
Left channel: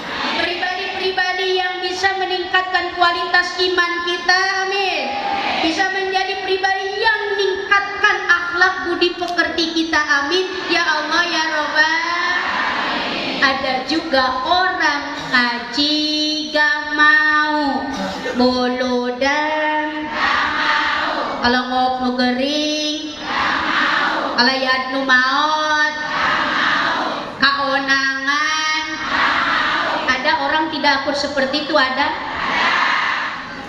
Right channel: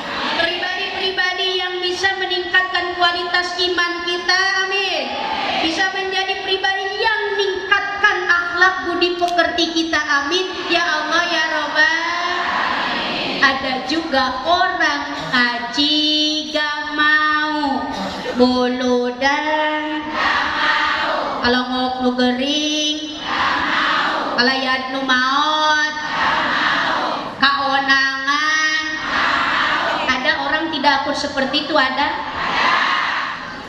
Pribadi yang bisa meningkatkan kualitas iman kita, amin. Bisa menjadi pribadi yang meningkatkan akhlak budi pekerti kita, amin. Ya Allah ya Rabbal. Ada juga orang haji gak mau, bolodan gak mau, kalau ngop nu gering gak mau, kalau yad nu maot gak mau, kaonangan ada orang tidak akur seperti itu ada?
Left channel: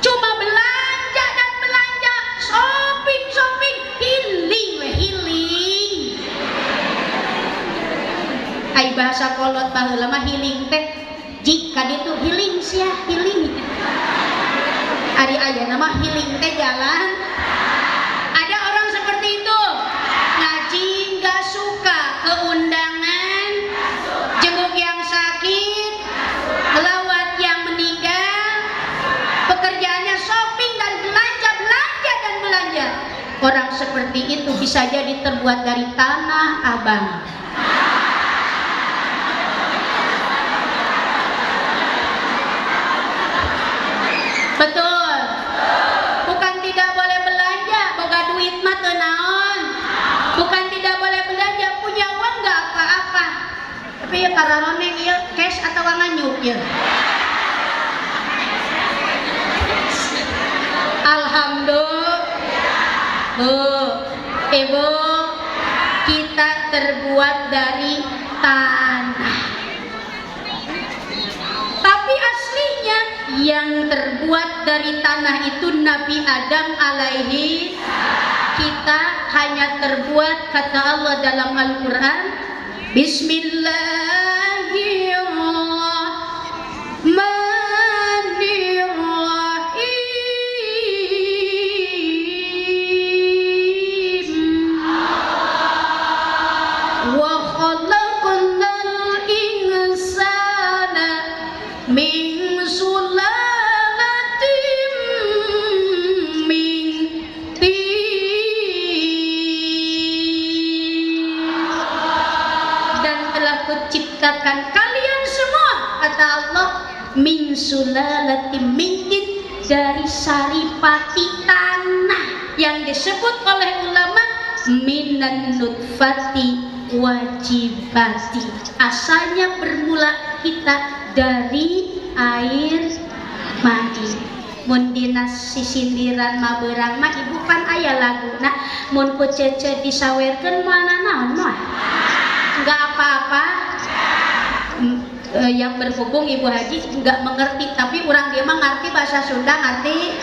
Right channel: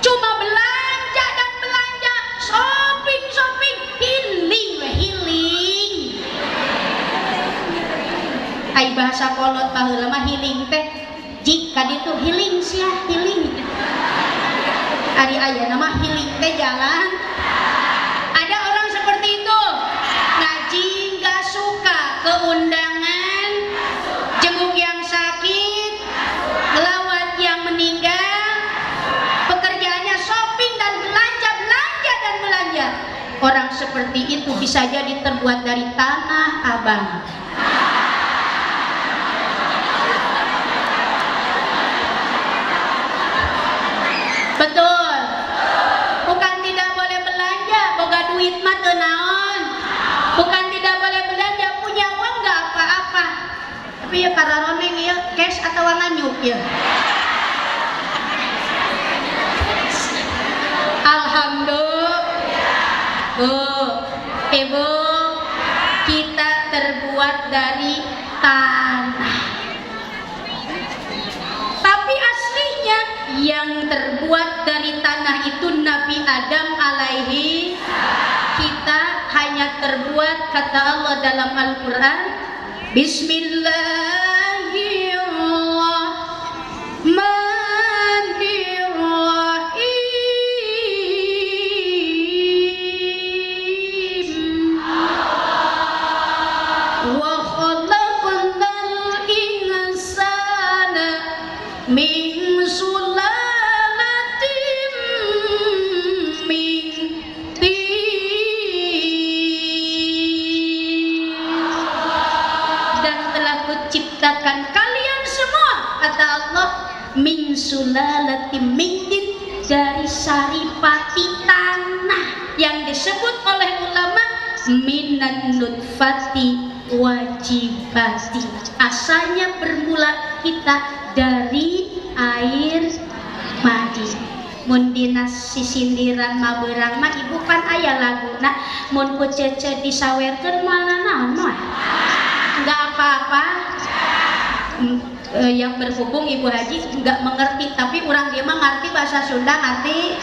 Cuma belanja dan belanja, shopping, healing. Ai bahasa kolot baheula mah healing teh. Jika ditu healing sia, healing. Ari ayeuna mah healing teh jalan. Ada orang seperti itu. Ngaji enggak suka, keundangan, jenguk yang sakit, ngelawat yang meninggal, pekerjaannya shopping dan belanja. Orang seperti itu bisa jadi terbuat dari tanah abang. Betul. Bukan tidak boleh belanja, boga duit mah teu naon. Bukan tidak boleh belanja, punya uang enggak apa-apa. Tapi ya kararone ieu cash atau nganyuk ya. Alhamdulillah. Ibu, kita terbuat dari tanah. Tapi aslinya yang terbuat dari tanah itu Nabi Adam alaihi. Kita hanya terbuat, kata Allah dalam Al-Quran, Bismillahirrahmanirrahim. Wa khalaqnal insana min sulalatin min tin. Dan telah kuciptakan kalian semua, kata Allah, min sulalatin min tin, dari saripati tanah yang disebut oleh ulama minan nutfati wajibati. Asalnya bermula kita dari air mani. Mun dinas sisindiran mabeurang mah ibu kan aya laguna mun ku cece disawerkeun moalna naon moal. Enggak apa-apa. Yang berhubung Ibu Haji enggak mengerti, tapi orang dia mah ngerti bahasa Sunda, ngerti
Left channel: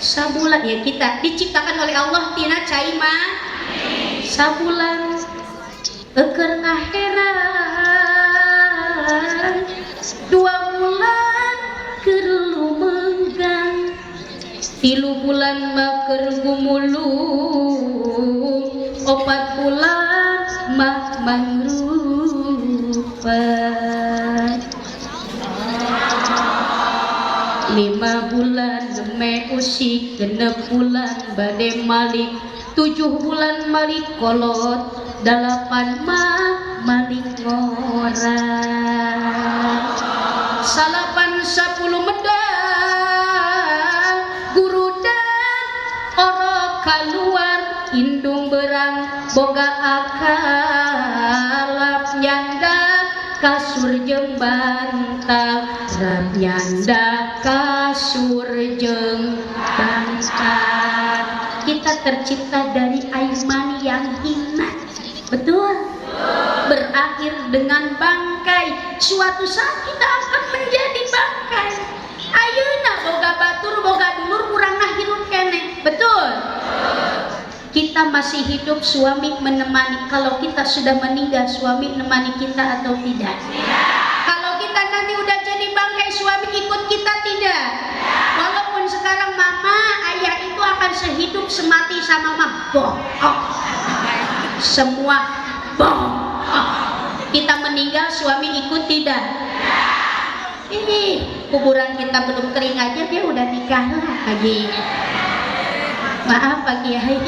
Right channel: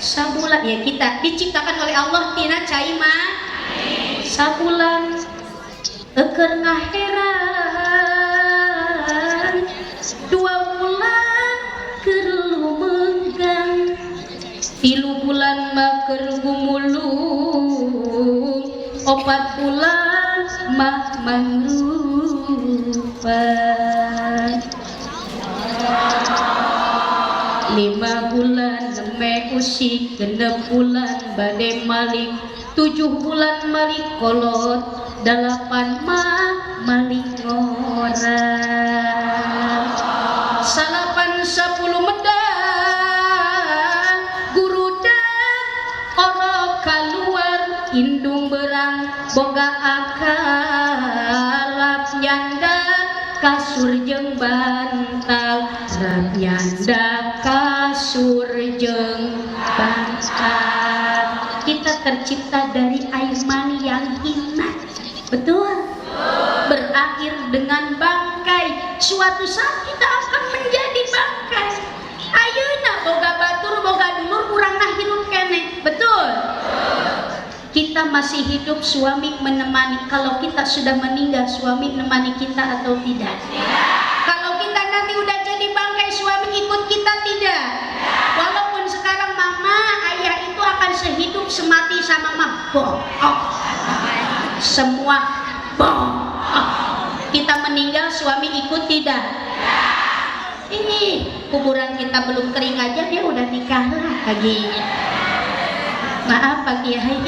sabulan ya. Kita diciptakan oleh Allah tina cai mah sabulan keur ngaheran 2 bulan keur lumenggang 3 bulan mah keur gumulung 4 bulan mah mangrupan 5 bulan meme usik 6 bulan bade malik 7 bulan malik kolot 8 mah malik ngorang 10 medang guru dan orok keluar indung berang boga akal nyanda kasur jeung bantal nyanda kasur jeung bantal. Kita tercipta dari air mani yang hina, betul? Berakhir dengan bangkai. Suatu saat kita akan menjadi bangkai. Ayeuna boga batur boga dulur urang nah hirup keneh, betul? Kita masih hidup, suami menemani. Kalau kita sudah meninggal, suami menemani kita atau tidak? Kalau kita nanti udah jadi bangkai, suami ikut kita tidak? Walaupun sekarang mama, ayah itu akan sehidup semati sama mama. Bohong. Semua bohong. Kita meninggal, suami ikut tidak? Ini kuburan kita belum kering aja dia udah nikah lagi. Maaf Pak Kiai.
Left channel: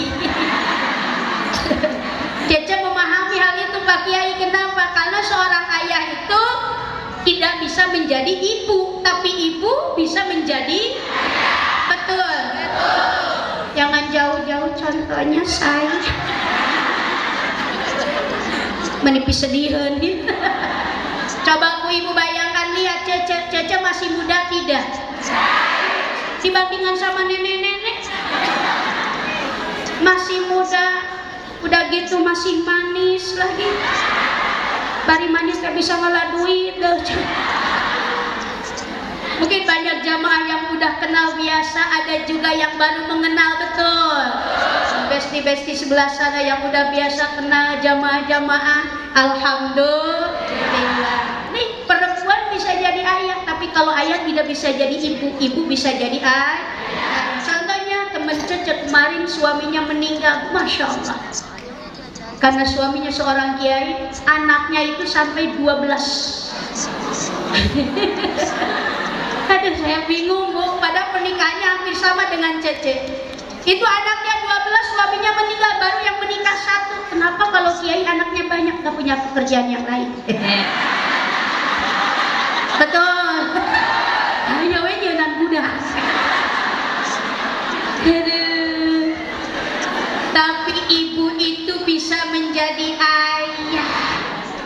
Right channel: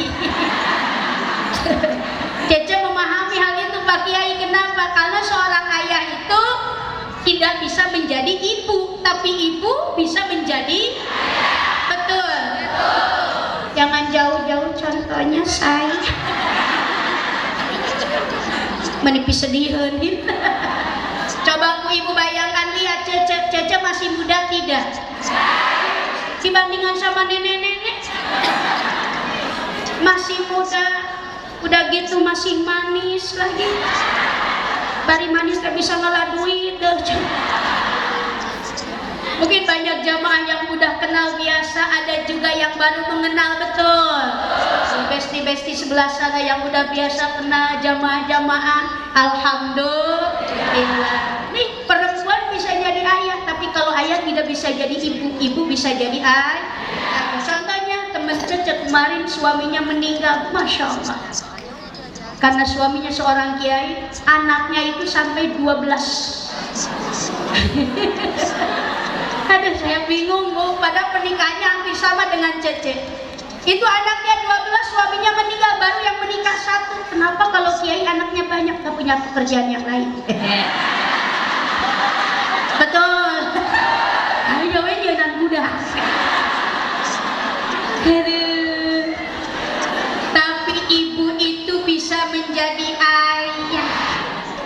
Cece memahami hal itu Pak Kiai. Kenapa? Karena seorang ayah itu tidak bisa menjadi ibu, tapi ibu bisa menjadi ayah. Betul. Jangan jauh-jauh, contohnya saya. Menipis sedihan gitu. Coba aku ibu bayangkan, lihat Cece masih muda tidak? Dibandingkan sama nenek-nenek masih muda, udah gitu masih manis lagi. Bari manis gak bisa ngalah duit tuh. Mungkin banyak jamaah yang udah kenal biasa, ada juga yang baru mengenal, betul. Besti-besti sebelah sana yang udah biasa kenal jamaah-jamaah, alhamdulillah. Nih perempuan bisa jadi ayah, tapi kalau ayah tidak bisa jadi ibu, ibu bisa jadi ayah. Contohnya teman Cece kemarin suaminya meninggal, masya Allah. Karena suaminya seorang kiai, anaknya itu sampai 12. Aduh, saya bingung Bu, pada pernikahannya hampir sama dengan Cece. Itu anaknya 12, suaminya meninggal, baru yang menikah 1. Kenapa kalau kiai anaknya banyak, gak punya pekerjaan yang lain? Betul. Ayo aja anak muda. Tapi ibu itu bisa menjadi ayah.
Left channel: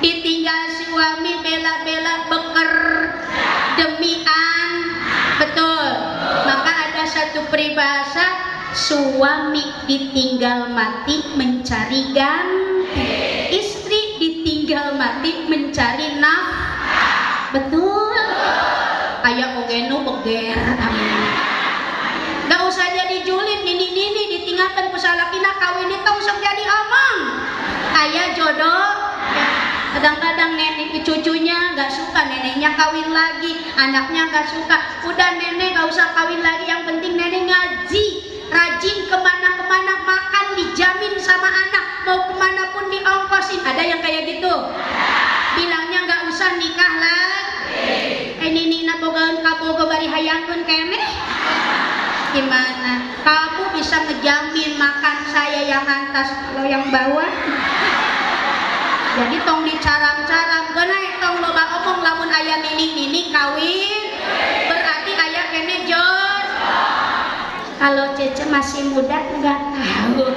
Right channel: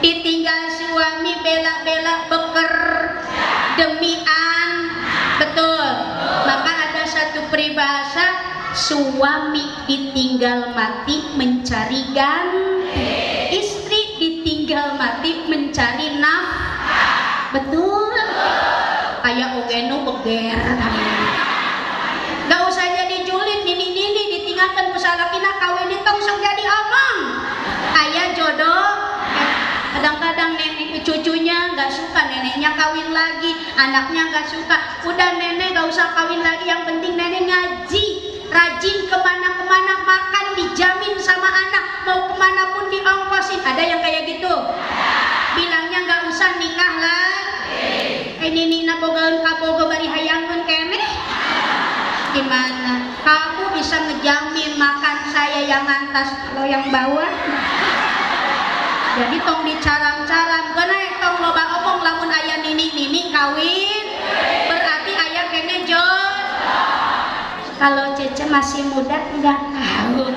Ditinggal suami bela-bela beker demi betul. Maka ada satu peribahasa, suami ditinggal mati mencari ganti, istri ditinggal mati mencari nafkah. Betul. Kayak ogeno beger. Gak usah jadi julid, nini ditinggalkan kusalakina kawin itu sok jadi omong. Kayak jodoh. Kadang-kadang nenek cucunya gak suka, neneknya kawin lagi, anaknya gak suka. Udah nenek gak usah kawin lagi, yang penting nenek ngaji, rajin kemana-kemana, makan dijamin sama anak, mau kemana pun diongkosin. Ada yang kayak gitu? Bilangnya gak usah nikah lah. Ini bogaun kabogo bari hayangkeun kene. Gimana? Kamu bisa ngejamin makan saya yang atas, kalau yang bawah? Jadi tong dicaram-caram, geuna tong loba omong lamun aya nini kawin, berarti aya kene jodoh. masih muda nggak tahu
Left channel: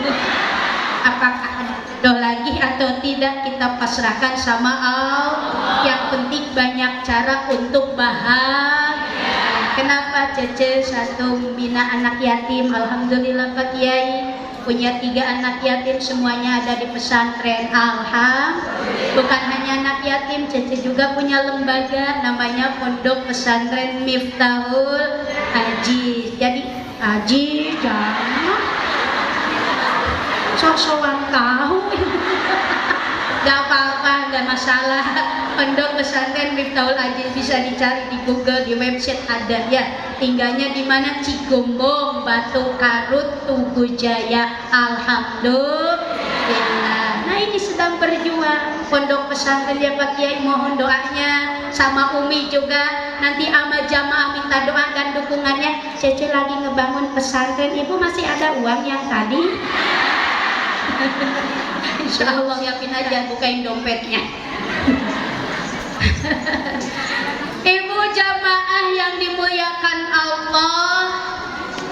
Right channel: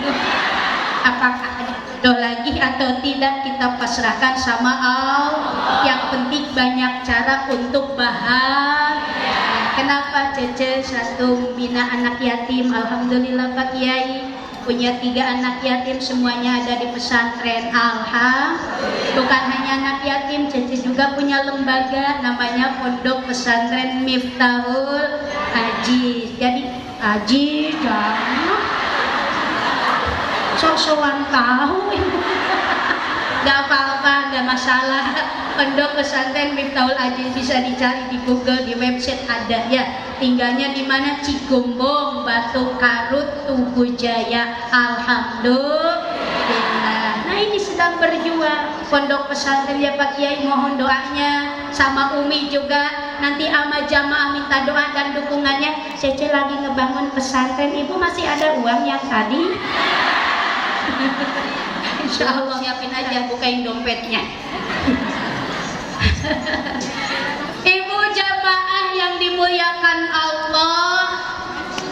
apakah ada jodoh lagi atau tidak, kita pasrahkan sama Allah. Yang penting banyak cara untuk bahagia. Kenapa Cece satu bina anak yatim? Alhamdulillah Pak Kiai punya 3 anak yatim, semuanya ada di pesantren. Alhamdulillah. Bukan hanya anak yatim, Cece juga punya lembaga namanya Pondok Pesantren Miftahul Ajiz. Jadi Ajiz jangan sosokan tahu. Gak apa-apa, gak masalah. Pondok Pesantren Miftahul Ajiz bisa dicari di Google, di website ada ya. Tinggalnya di mana? Cigombong, Batu Karut, Tugu Jaya. Alhamdulillah. Nah ini sedang berjuang Pondok Pesantren ya Pak Kiai, mohon doanya sama Umi juga. Nanti ama jamaah minta doa dan dukungannya. Cece lagi ngebangun pesantren, Ibu masih ada uang yang tadi? Insya Allah yapin aja, bukain dompetnya. Ibu jamaah yang dimuliakan Allah,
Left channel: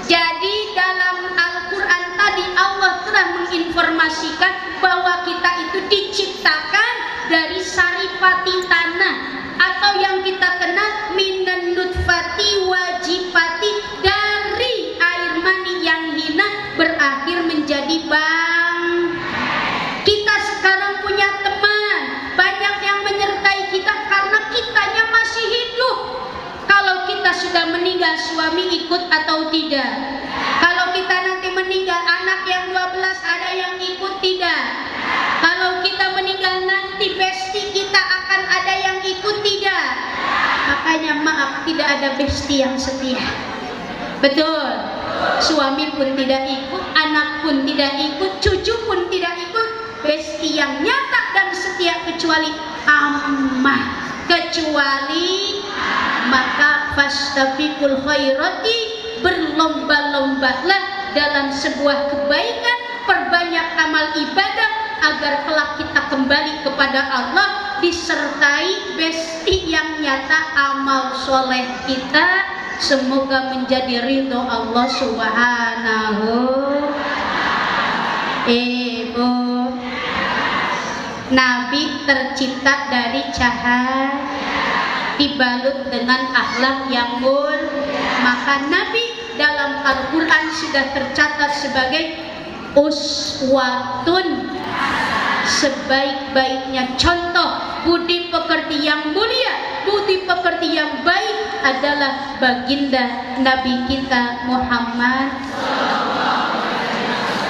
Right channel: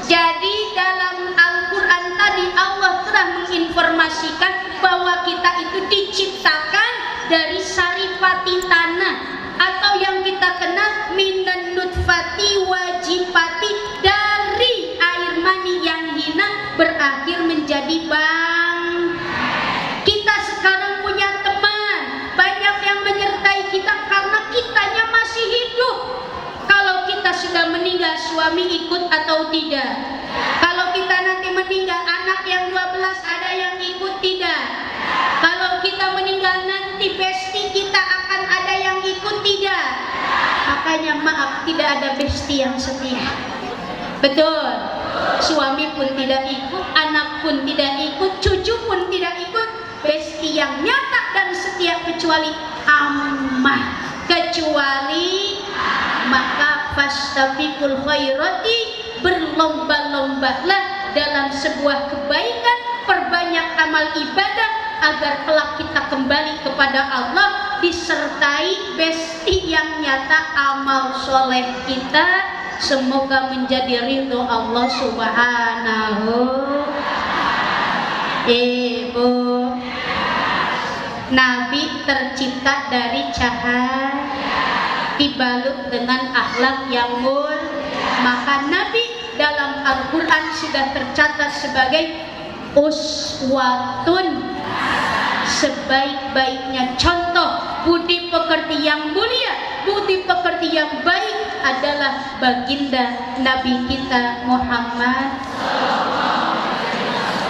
jadi dalam Al-Quran tadi Allah telah menginformasikan bahwa kita itu diciptakan dari saripati tanah, atau yang kita kenal minan nutfati wajibati, dari air mani yang hina berakhir menjadi bang. Kita sekarang punya teman, banyak yang menyertai kita karena kitanya masih hidup. Kalau kita sudah meninggal, suami ikut atau tidak? Kalau kita nanti meninggal, anak yang 12 ada yang ikut tidak? Kalau kita meninggal nanti, besti kita akan ada yang ikut tidak? Makanya maaf, tidak ada besti yang setia. Betul. Suami pun tidak ikut, anak pun tidak ikut, cucu pun tidak ikut. Besti yang nyata dan setia kecuali ammah, kecuali maka fastabiqul khairati, berlomba-lombalah dalam sebuah kebaikan, perbanyak amal ibadah agar kelak kita kembali kepada Allah disertai besti yang nyata amal soleh kita, semoga menjadi ridho Allah Subhanahu. Ibu, Nabi tercipta dari cahaya, dibalut dengan akhlak yang mulia. Maka Nabi dalam Al-Quran sudah tercatat sebagai uswatun, sebaik-baiknya contoh budi pekerti yang mulia, budi pekerti yang baik adalah baginda Nabi kita Muhammad.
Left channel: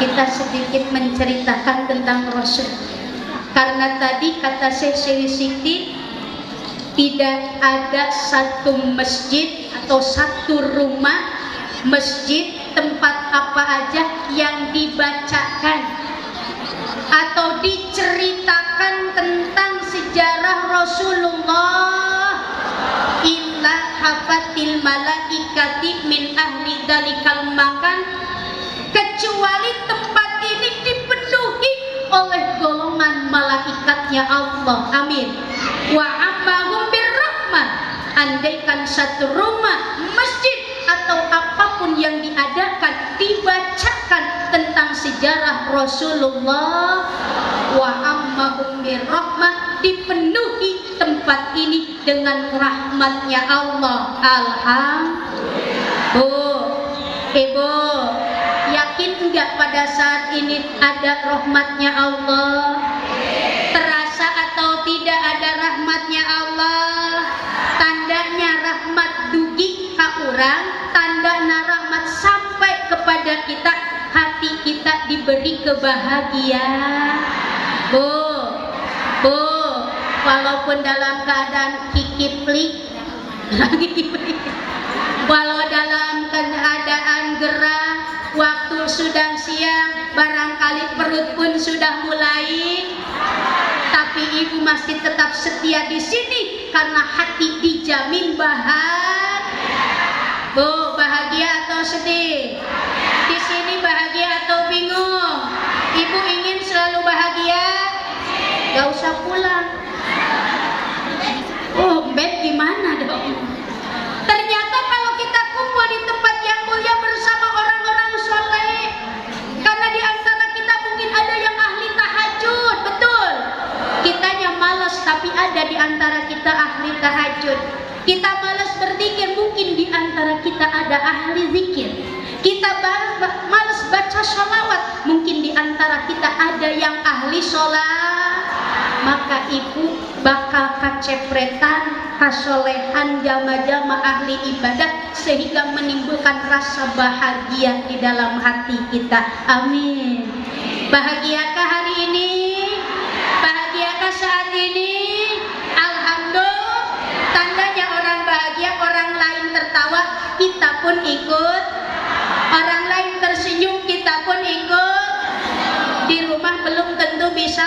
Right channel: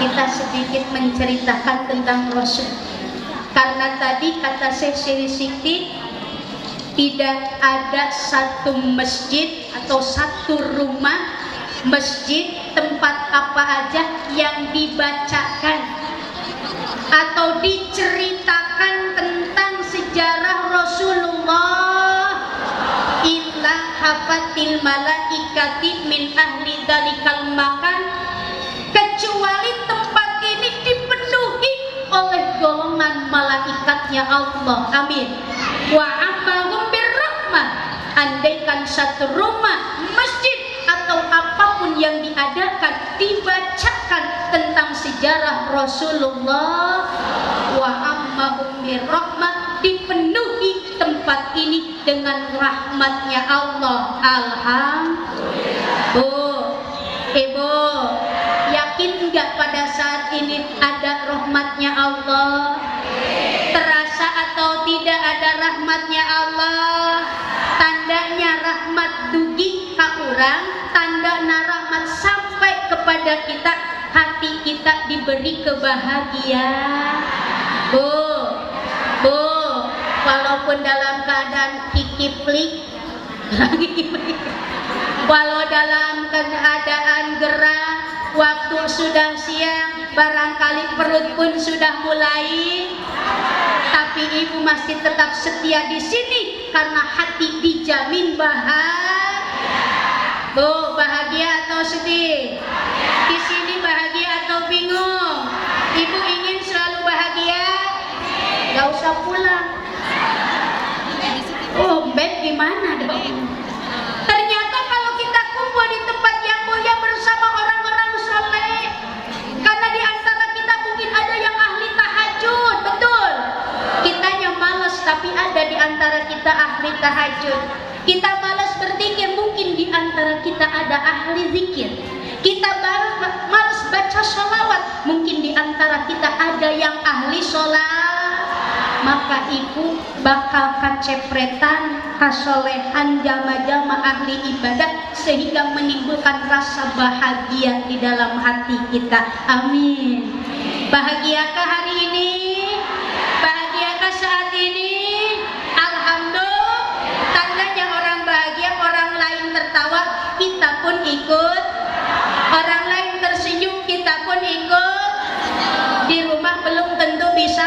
Kita sedikit menceritakan tentang Rasul, karena tadi kata Syekh Syiri Sikti, tidak ada satu masjid atau satu rumah masjid, tempat apa aja yang dibacakan atau diceritakan tentang sejarah Rasulullah illa hafatil malaikati min ahli dalikal makan, kecuali tempat ini dipenuhi oleh golongan malaikatnya Allah. Amin. Wa ammahum birrahmah. Andaikan satu rumah, masjid atau apapun yang diadakan dibacakan tentang sejarah Rasulullah, wa ammahum birrahmah, dipenuhi tempat ini dengan rahmatnya Allah. Alhamdulillah. Ibu, yakin enggak pada saat ini ada rahmatnya Allah? Terasa atau tidak ada rahmatnya Allah? Tandanya rahmat dugi ka urang, tandanya rahmat sampai kepada kita, hati kita diberi kebahagiaan. Bu, walaupun dalam keadaan kikiplik, walau dalam keadaan gerah, waktu sudah siang, barangkali perut pun sudah mulai, tapi ibu masih tetap setia di sini karena hati dijamin bahagia. Bu, bahagia atau sedih? Di sini bahagia atau bingung? Ibu ingin selalu bahagia? Gak usah pulang. Oh, beb gimana dong? Ternyata kalau kita kumpul di tempat yang mulia bersama orang-orang soleh, tapi ada di antara kita ahli tahajud. Kita malas berzikir, mungkin di antara kita ada ahli zikir. Kita malas baca sholawat, mungkin di antara kita ada yang ahli sholat. Maka ibu bakal kacepretan, kasolehan jama-jama ahli ibadah, sehingga menimbulkan rasa bahagia di dalam hati kita. Amin. Bahagiakah hari ini? Bahagiakah saat ini? Alhamdulillah. Tandanya orang bahagia, orang lain tertawa, kita pun ikut. Orang lain tersenyum, kita pun ikut. Di rumah belum tentu bisa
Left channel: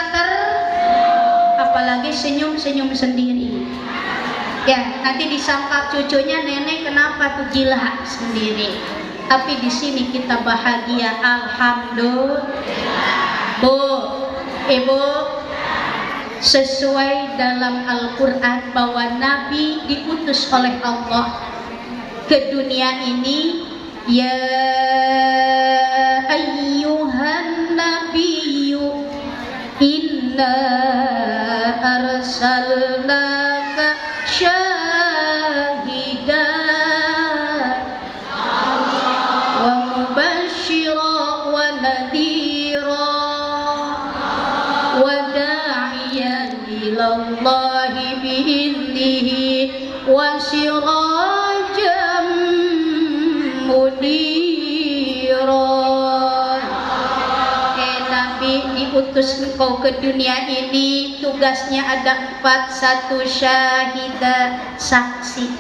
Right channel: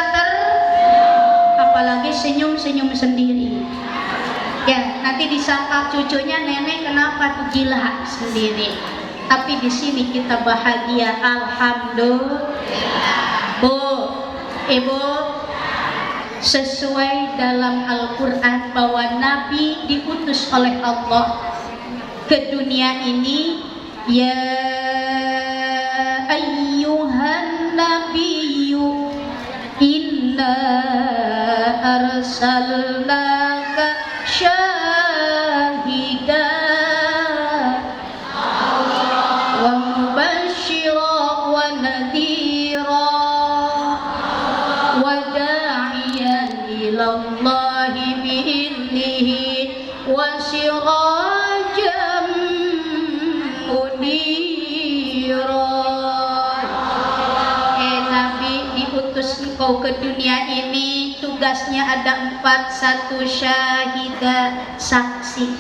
apalagi senyum-senyum sendiri. Ya, nanti disangka cucunya, nenek kenapa tuh gila sendiri. Tapi di sini kita bahagia, alhamdulillah. Bu, ibu, sesuai dalam Al-Quran bahwa Nabi diutus oleh Allah ke dunia ini. Ya ayyuhan nabiyyu inna arsalnaka syahida wa mubashshira wa nadhira wa da'iyan ilallahi bi'idnihi wa sirajan munira. Nabi diutus engkau ke dunia ini, tugasnya ada 4. 1, syahida, saksi.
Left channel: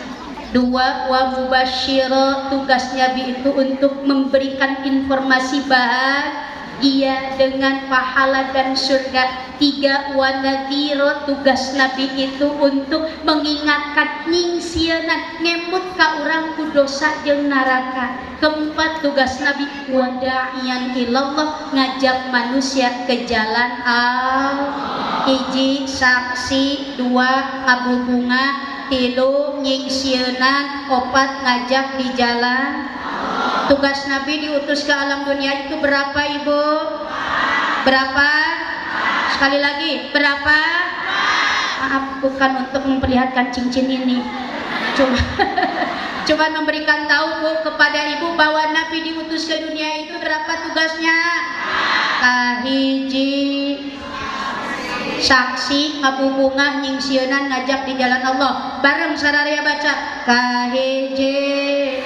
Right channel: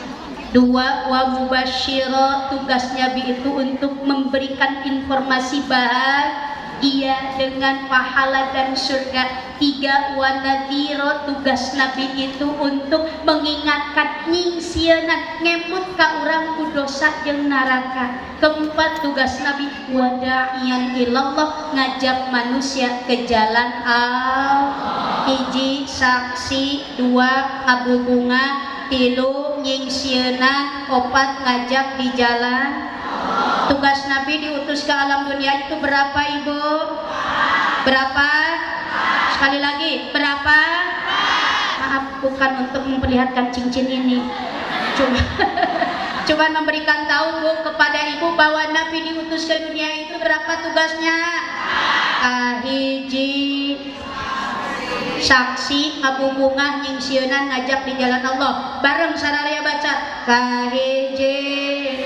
2, wa mubasysyira, tugas Nabi itu untuk memberikan informasi bahagia dengan pahala dan surga. 3, wa nadhira, tugas Nabi itu untuk mengingatkan nyingsieunan ngemut ka urang ku dosa jeung neraka. 4, tugas Nabi wa da'iyan ilallah, ngajak manusia ke jalan Allah. 1, saksi. 2, ngabubunga. 3, nyingsieunan. 4, ngajak di jalan. Tugas Nabi diutus ke alam dunia itu berapa, Ibu? Berapa? Sekali lagi, berapa? Maaf, bukan untuk memperlihatkan cincin ini. Coba memberikan tahu, Bu, kepada Ibu bahwa Nabi diutus ke dunia itu berapa tugasnya? Hiji, saksi, ngabubungah, nyingsieunan, ngajak di jalan Allah. Bareng sararea baca. Kahiji,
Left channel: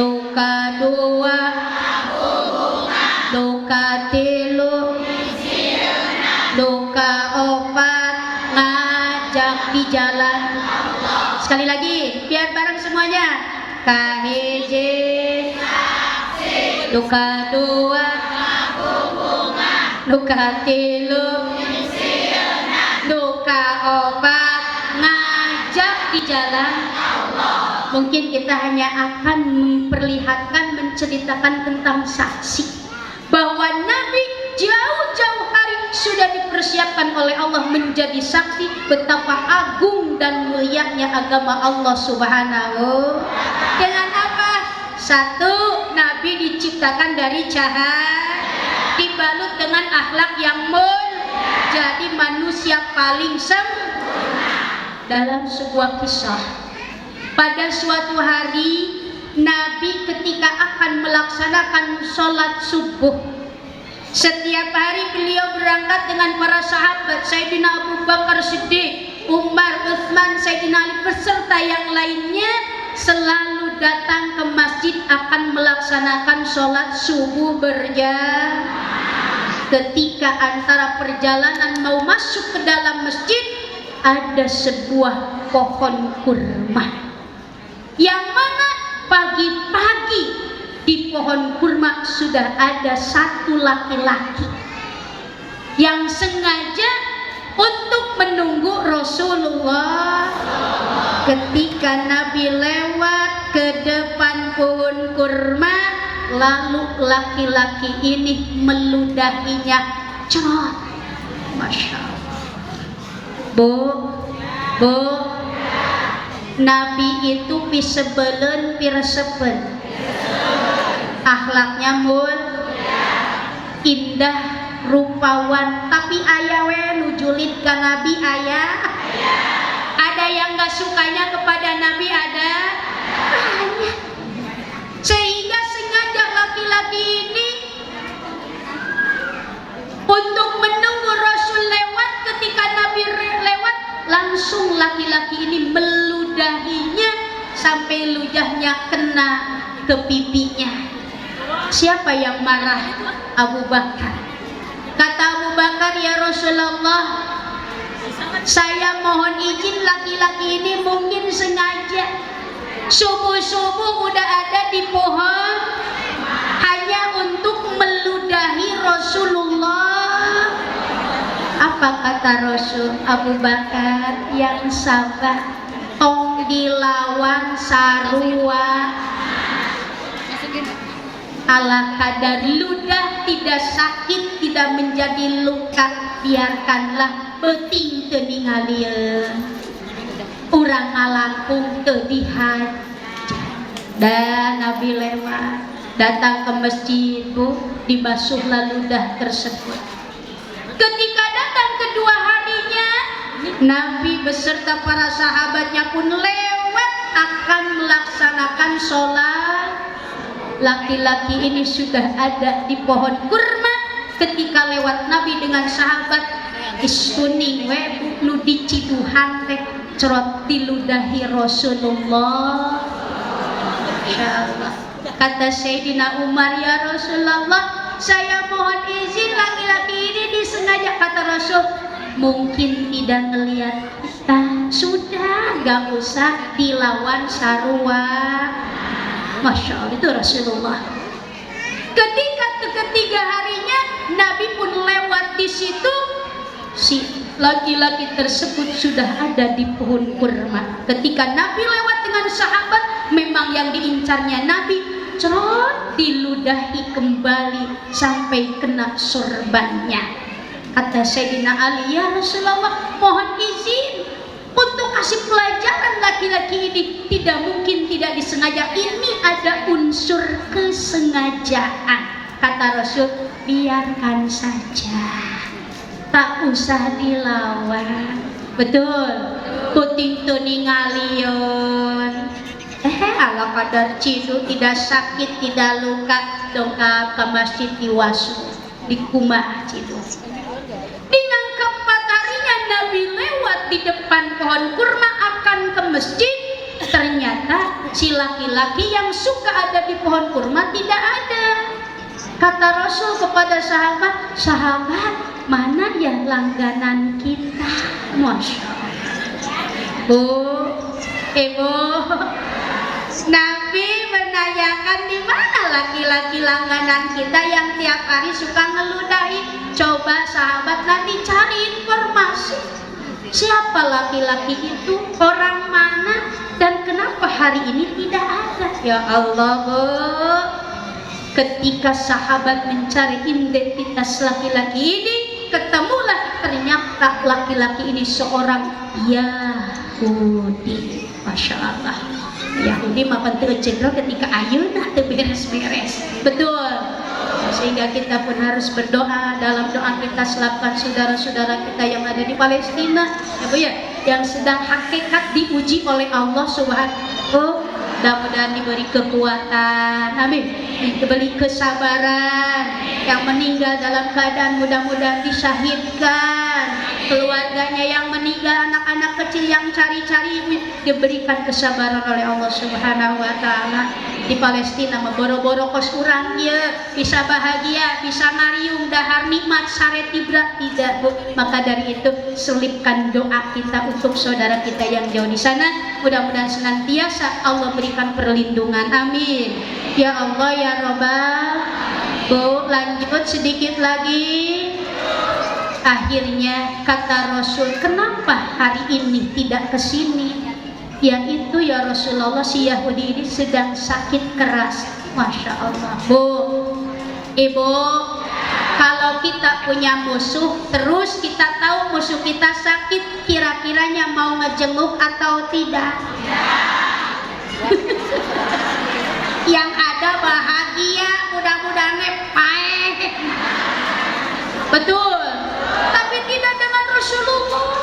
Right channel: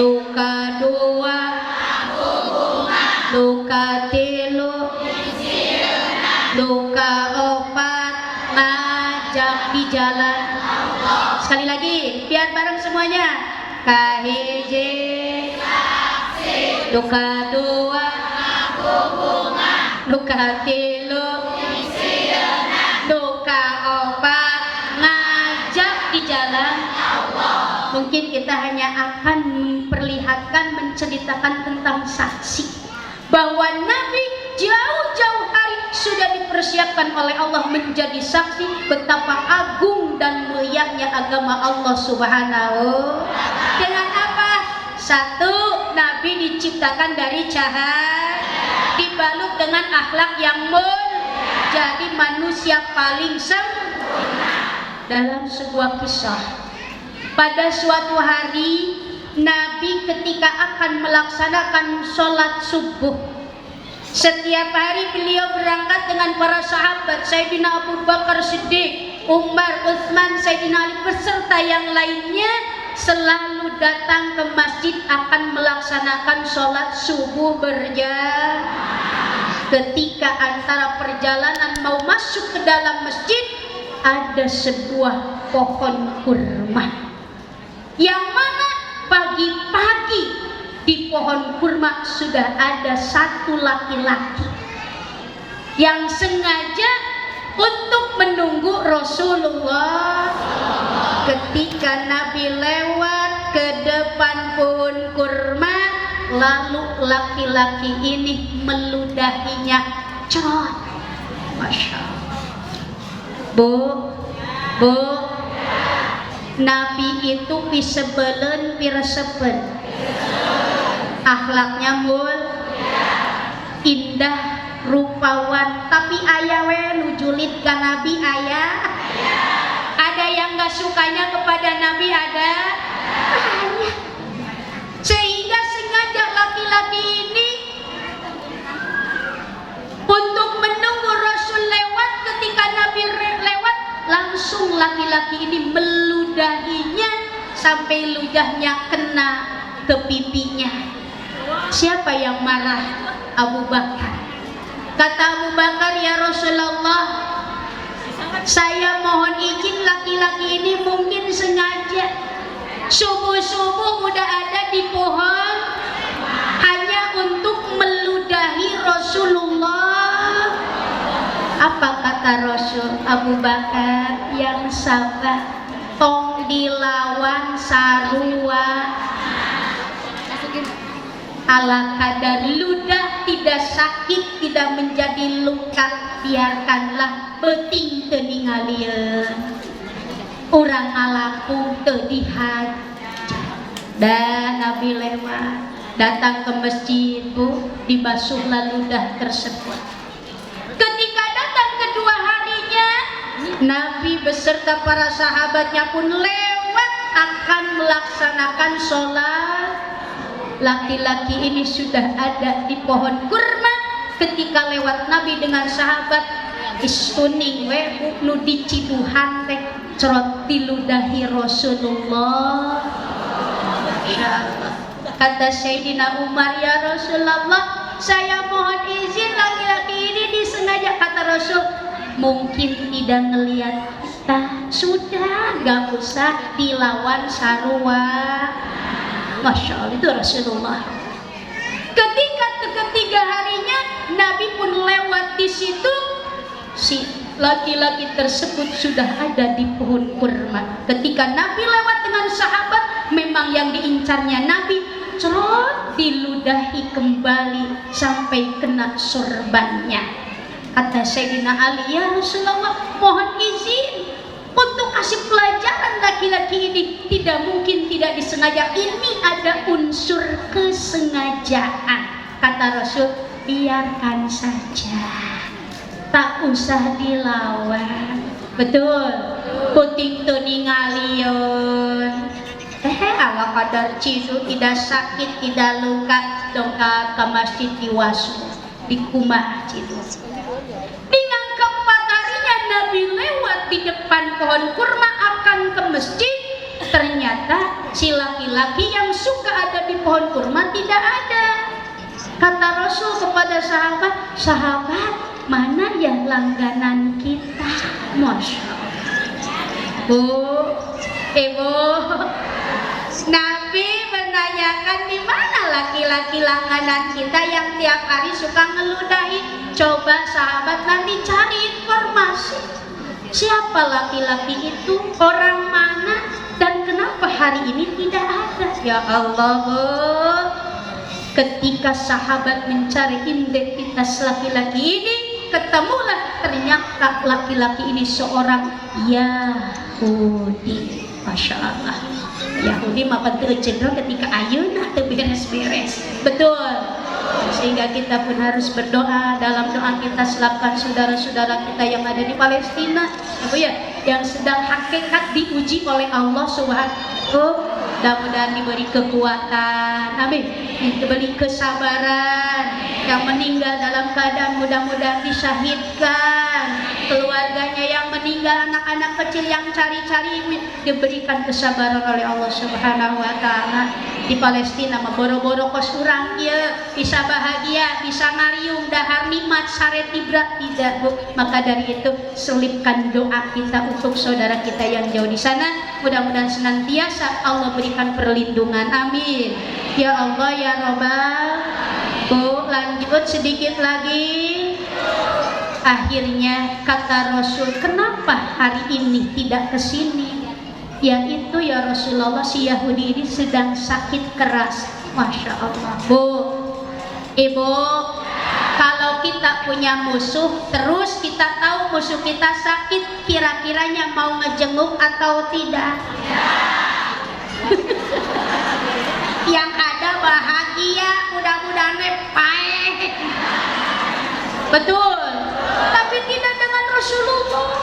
luka 2, luka 3, luka 4, ngajak di jalan. Sekali lagi, biar bareng semuanya. Kahiji, luka 2, luka 3, luka 4, ngajak di jalan. Mungkin kita hanya akan memperlihatkan, menceritakan tentang saksi, bahwa Nabi jauh-jauh hari sudah dipersiapkan oleh Allah menjadi saksi betapa agung dan mulianya agama Allah Subhanahu. Dengan apa? 1, Nabi diciptakan dari cahaya, dibalut dengan akhlak yang mulia, jadi manusia paling sempurna. Dalam sebuah kisah, pada suatu hari Nabi ketika akan melaksanakan sholat subuh, setiap hari beliau berangkat dengan para sahabat, Sayyidina Abu Bakar Siddiq, Umar, Utsman, Sayyidina Ali beserta yang lainnya, selalu datang ke masjid akan melaksanakan sholat subuh berjamaah. Ketika antara perjalanan mau masuk ke dalam masjid, ada sebuah pohon kurma, yang mana pagi-pagi di pohon kurma sudah ada satu laki-laki yang sengaja untuk menunggu Rasulullah. Ketika Nabi lewat ke depan pohon kurma, lalu laki-laki ini meludahinya. Cok, Masya Allah. Bu, Nabi itu pisebelen piresepen, akhlaknya mul, indah, rupawan, tapi aya we nu genit ke Nabi ayah? Ada yang gak sukanya kepada Nabi ada? Banyak. Sehingga sengaja laki-laki ini untuk menunggu Rasul lewat. Ketika Nabi lewat, langsung laki-laki ini meludahinya sampai ludahnya kena ke pipinya. Siapa yang marah? Abu Bakar. Kata Abu Bakar, ya Rasulullah, saya mohon izin, laki-laki ini mungkin sengaja. Subuh-subuh udah ada di pohon hanya untuk meludahi Rasulullah. Apa kata Rasul? Abu Bakar, yang sabar, tong dilawan sarua ala kadar ludah, tidak sakit, tidak menjadi luka, biarkanlah penting teningalieun urang ngalangkung teu dihajar. Dan Nabi lewat, datang ke masjid, Bu, dibasuhlah ludah tersebut. Ketika datang kedua harinya, Nabi beserta para sahabatnya pun lewat akan melaksanakan sholat. Laki-laki ini sudah ada di pohon kurma. Ketika lewat Nabi dengan sahabat, istuning we nu diciduhan teh cerot diludahi Rasulullah. Insyaallah. Kata Sayyidina Umar, ya Rasulullah, saya mohon izin, laki-laki ini disengaja. Kata Rasul, mungkin tidak ngelihat kita. Sudah, gak usah dilawan sarua. Masya Allah, itu Rasulullah. Ketika ketiga harinya Nabi pun lewat di situ, si laki-laki tersebut sudah ada di pohon kurma. Ketika Nabi lewat dengan sahabat, memang yang diincarnya Nabi, cerot diludahi kembali sampai kena sorbannya. Kata Sayyidina Ali, ya Rasulullah, mohon izin untuk kasih pelajaran laki-laki ini. Tidak mungkin tidak disengaja, ini ada unsur kesengajaan. Kata Rasul, biarkan saja, tak usah dilawan. Betul, puting tuningalion. Ala kadar cidu, tidak sakit, tidak luka, dongkap ke masjid diwasu di kumah cidu. Dengan keempat harinya Nabi lewat di depan pohon kurma akan ke masjid. Ternyata si laki-laki yang suka ada di pohon kurma tidak ada. Kata Rasul kepada sahabat, sahabat, mana yang langganan kita? Masya Allah. Bu, Ibu, Nabi menanyakan di mana laki-laki langganan kita yang tiap hari suka ngeludahi. Coba sahabat nanti cari informasi. Siapa laki-laki itu? Orang mana? Dan kenapa hari ini tidak ada? Ya Allah, Bu. Ketika sahabat mencari identitas laki-laki ini, ketemulah ternyata laki-laki ini seorang Yahudi. Masya Allah. Yahudi makan tercedera ketika ayeuna teu beres-beres. Betul. Sehingga kita pun harus berdoa. Dalam doa kita selamatkan saudara-saudara kita yang ada di Palestina, yang sedang hakikat diuji oleh Allah Subhanahu. Mudah-mudahan diberi kekuatan, amin, diberi kesabaran. Yang meninggal dalam keadaan mudah-mudahan disyahidkan, keluarganya yang meninggal, anak-anak kecil yang cari-cari diberikan kesabaran oleh Allah Subhanahu wa Ta'ala. Di Palestina boro-boro kos urang ya bisa bahagia, bisa ngariung dahar nikmat sare tibra tidak, Bu. Maka dari itu selipkan doa kita untuk saudara kita yang jauh di sana. Mudah-mudahan senantiasa Allah berikan perlindungan, amin. Ya Allah ya Rabbal. Bu, lanjut sedikit lagi. Akhirnya kata Rasul, kenapa hari ini tidak kesini? Yaitu ya Rasulullah, si Yahudi ini sedang sakit keras. Masya Allah. Bu, Ibu, kalau kita punya musuh, terus kita tahu musuh kita sakit, kira-kiranya mau ngejenguk atau tidak? Yang ada bahagia, mudah-mudahan paeh. Betul. Tapi tidak dengan Rasulullah.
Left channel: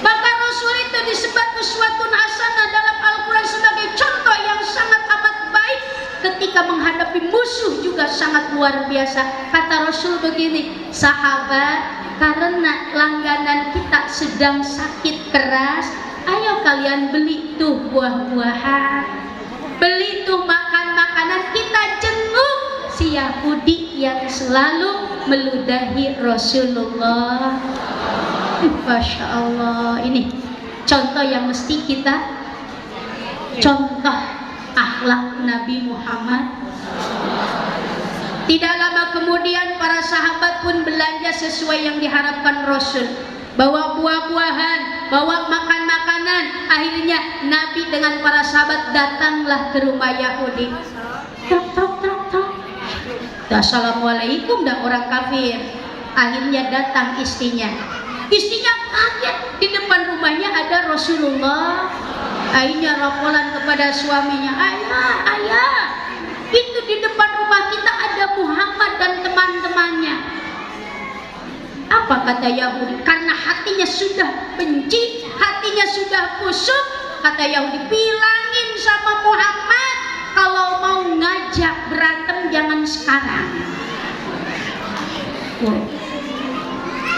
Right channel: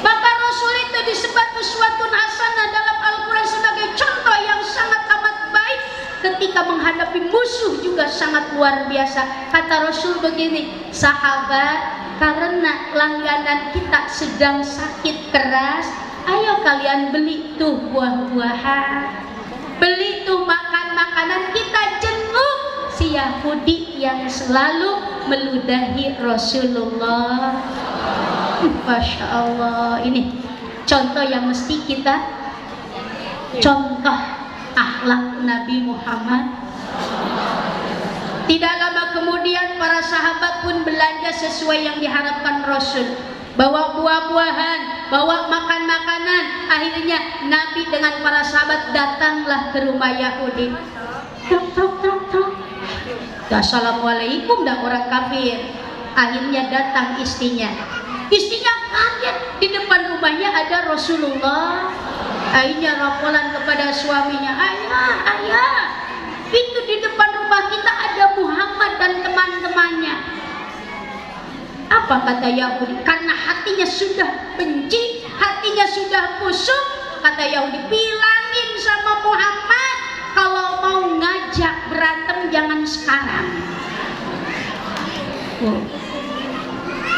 Maka Rasul itu disebut uswatun hasanah dalam Al-Quran sebagai contoh yang sangat amat baik. Ketika menghadapi musuh juga sangat luar biasa. Kata Rasul begini, sahabat, karena langganan kita sedang sakit keras, ayo kalian beli tuh buah-buahan, beli tuh makan-makanan, kita jenguk si Yahudi yang selalu meludahi Rasulullah. Masya Allah, ini contoh yang mesti kita contoh akhlak Nabi Muhammad. Tidak lama kemudian para sahabat pun belanja sesuai yang diharapkan Rasul. Bawa buah-buahan, bawa makan-makanan. Akhirnya Nabi dengan para sahabat datanglah ke rumah Yahudi. Tok tok tok tok. Assalamualaikum dah orang kafir. Akhirnya datang istrinya. Istrinya kaget, di depan rumahnya ada Rasulullah. Akhirnya rapolan kepada suaminya, ayah, itu di depan rumah kita ada Muhammad dan teman-temannya. Apa kata Yahudi? Karena hatinya sudah benci, hatinya sudah busuk. Kata Yahudi, bilangin sama Muhammad kalau mau ngajak berantem jangan sekarang.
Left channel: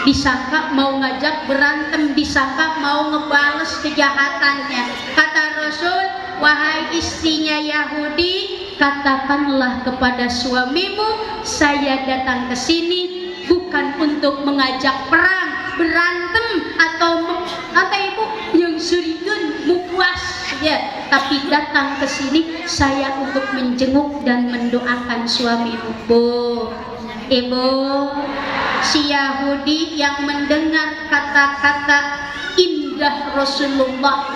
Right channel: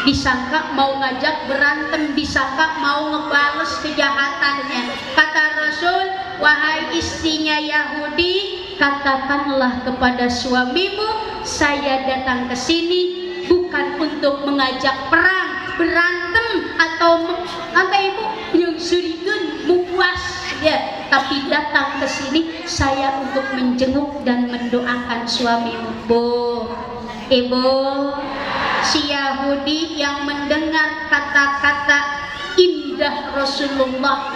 Disangka mau ngajak berantem, disangka mau ngebales kejahatannya. Kata Rasul, wahai istrinya Yahudi, katakanlah kepada suamimu, saya datang ke sini bukan untuk mengajak perang, berantem atau kata ibu yang suridun mupuas ya, tapi datang ke sini saya untuk menjenguk dan mendoakan suamimu. Bu, ibu, si Yahudi yang mendengar kata-kata indah Rasulullah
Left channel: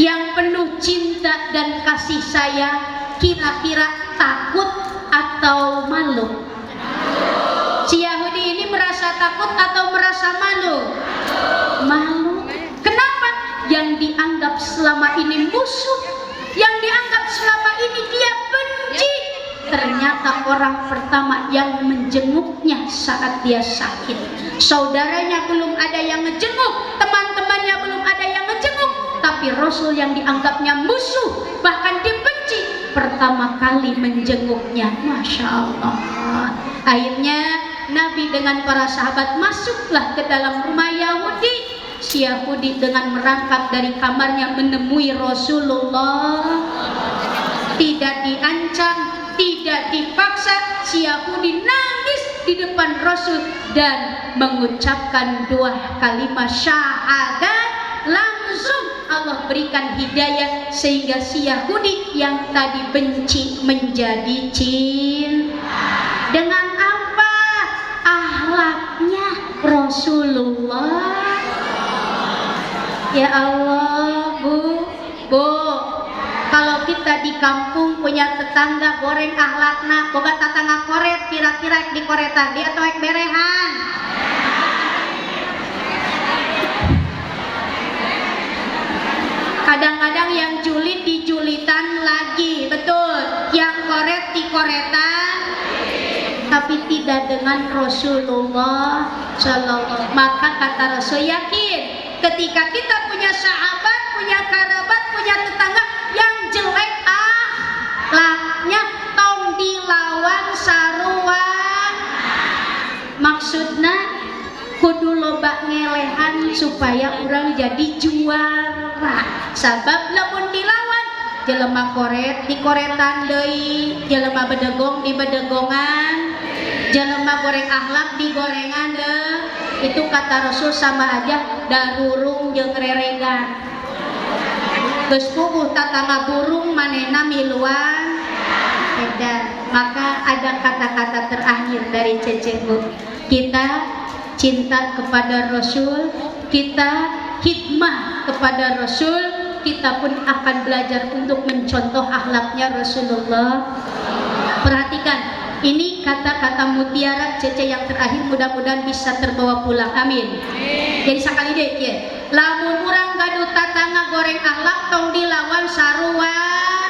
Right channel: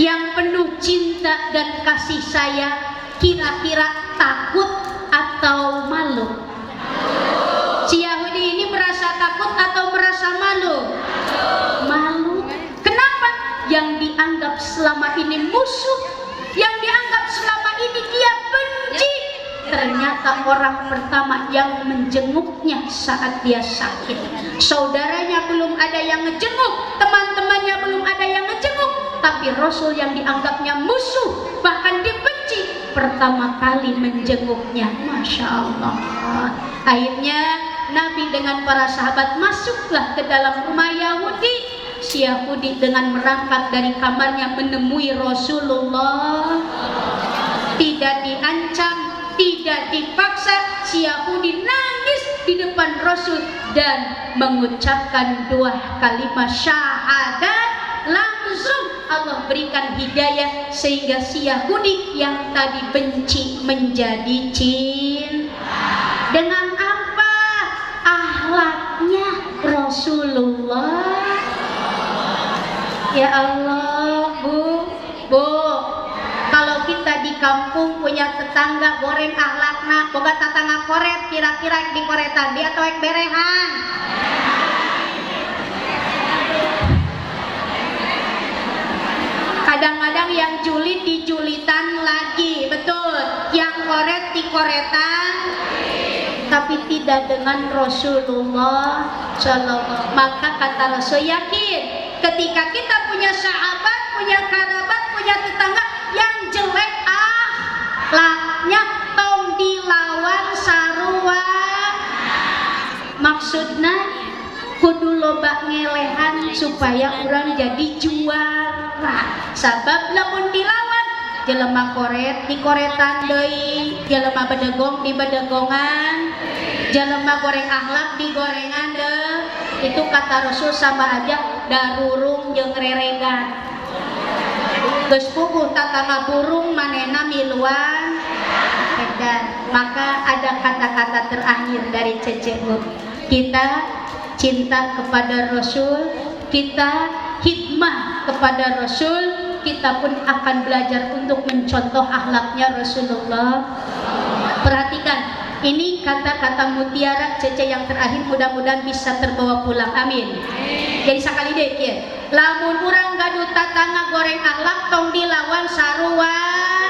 yang penuh cinta dan kasih sayang, kira-kira takut atau malu? Si Yahudi ini merasa takut atau merasa malu? Malu. Kenapa? Yang dianggap selama ini musuh, yang dianggap selama ini dia benci, ternyata orang pertama yang menjenguknya saat dia sakit. Saudaranya belum ada yang ngejenguk, teman-temannya belum ada yang ngejenguk, tapi Rasul yang dianggapnya musuh, bahkan dibenci, pertama kali menjenguknya. Masya Allah. Akhirnya Nabi dengan para sahabat masuklah ke dalam rumah Yahudi. Si Yahudi dengan merangkak dari kamarnya menemui Rasulullah. Tidak diancam, tidak dipaksa, si Yahudi nangis di depan Rasul dan mengucapkan dua kalimat syahadat. Langsung Allah berikan hidayah sehingga si Yahudi yang tadi benci menjadi cinta. Dengan apa? Akhlaknya Rasulullah. Ya Allah, Bu, kalau kita di kampung punya tetangga goreng akhlakna, boga tetangga koret, kira-kira di koretan dia atau ek berehan. Kadang-kadang yang julid di julitan lagi, betul. Yang koret di koretan, tapi tidak dengan Rasulullah Sallallahu. Maka kata Rasul, yakin ketika kita punya sahabat, punya kerabat, punya tetangga yang jelek akhlaknya, tong dilawan saruan. Maksudnya kudu loba ngelehan supaya orang jadi juara. Sabab lamun dilawan, jelema koret di koretan deui, jelema bedegong di bedegongan, jelema goreng akhlak di gorengan deui. Itu kata Rasul sama aja darurung jeung reregan. Geus puguh tatangga burung manehna miluan edan. Maka ada kata-kata terakhir dari Cecehu. Kita cinta kepada Rasul, kita hikmah kepada Rasul, kita pun akan belajar untuk mencontoh akhlaknya Rasulullah. Perhatikan, ini kata-kata mutiara Cece yang terakhir, mudah-mudahan bisa terbawa pulang. Amin. Jadi sekali deh ya. Lamun urang gaduh tatangga goreng akhlak tong dilawan saruan,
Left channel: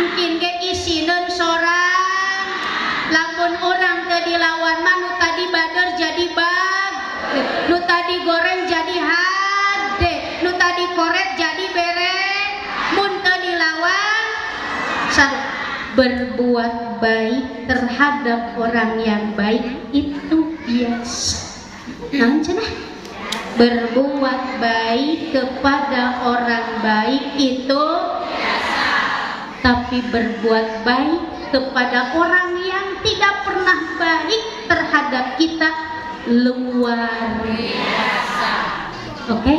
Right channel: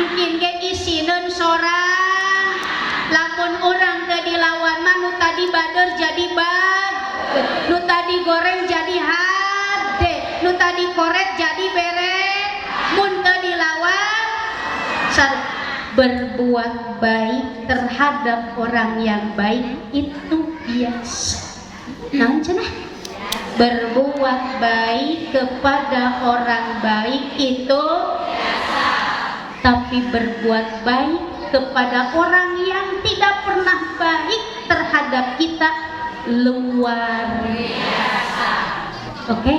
mungkin ge isieun sorang. Lamun urang teu dilawan mah nu tadi bader jadi bag, nu tadi goreng berbuat baik terhadap orang yang baik itu biasa. Namun cenah, berbuat baik kepada orang baik itu biasa, tapi berbuat baik kepada orang yang tidak pernah baik terhadap kita luar biasa. Oke?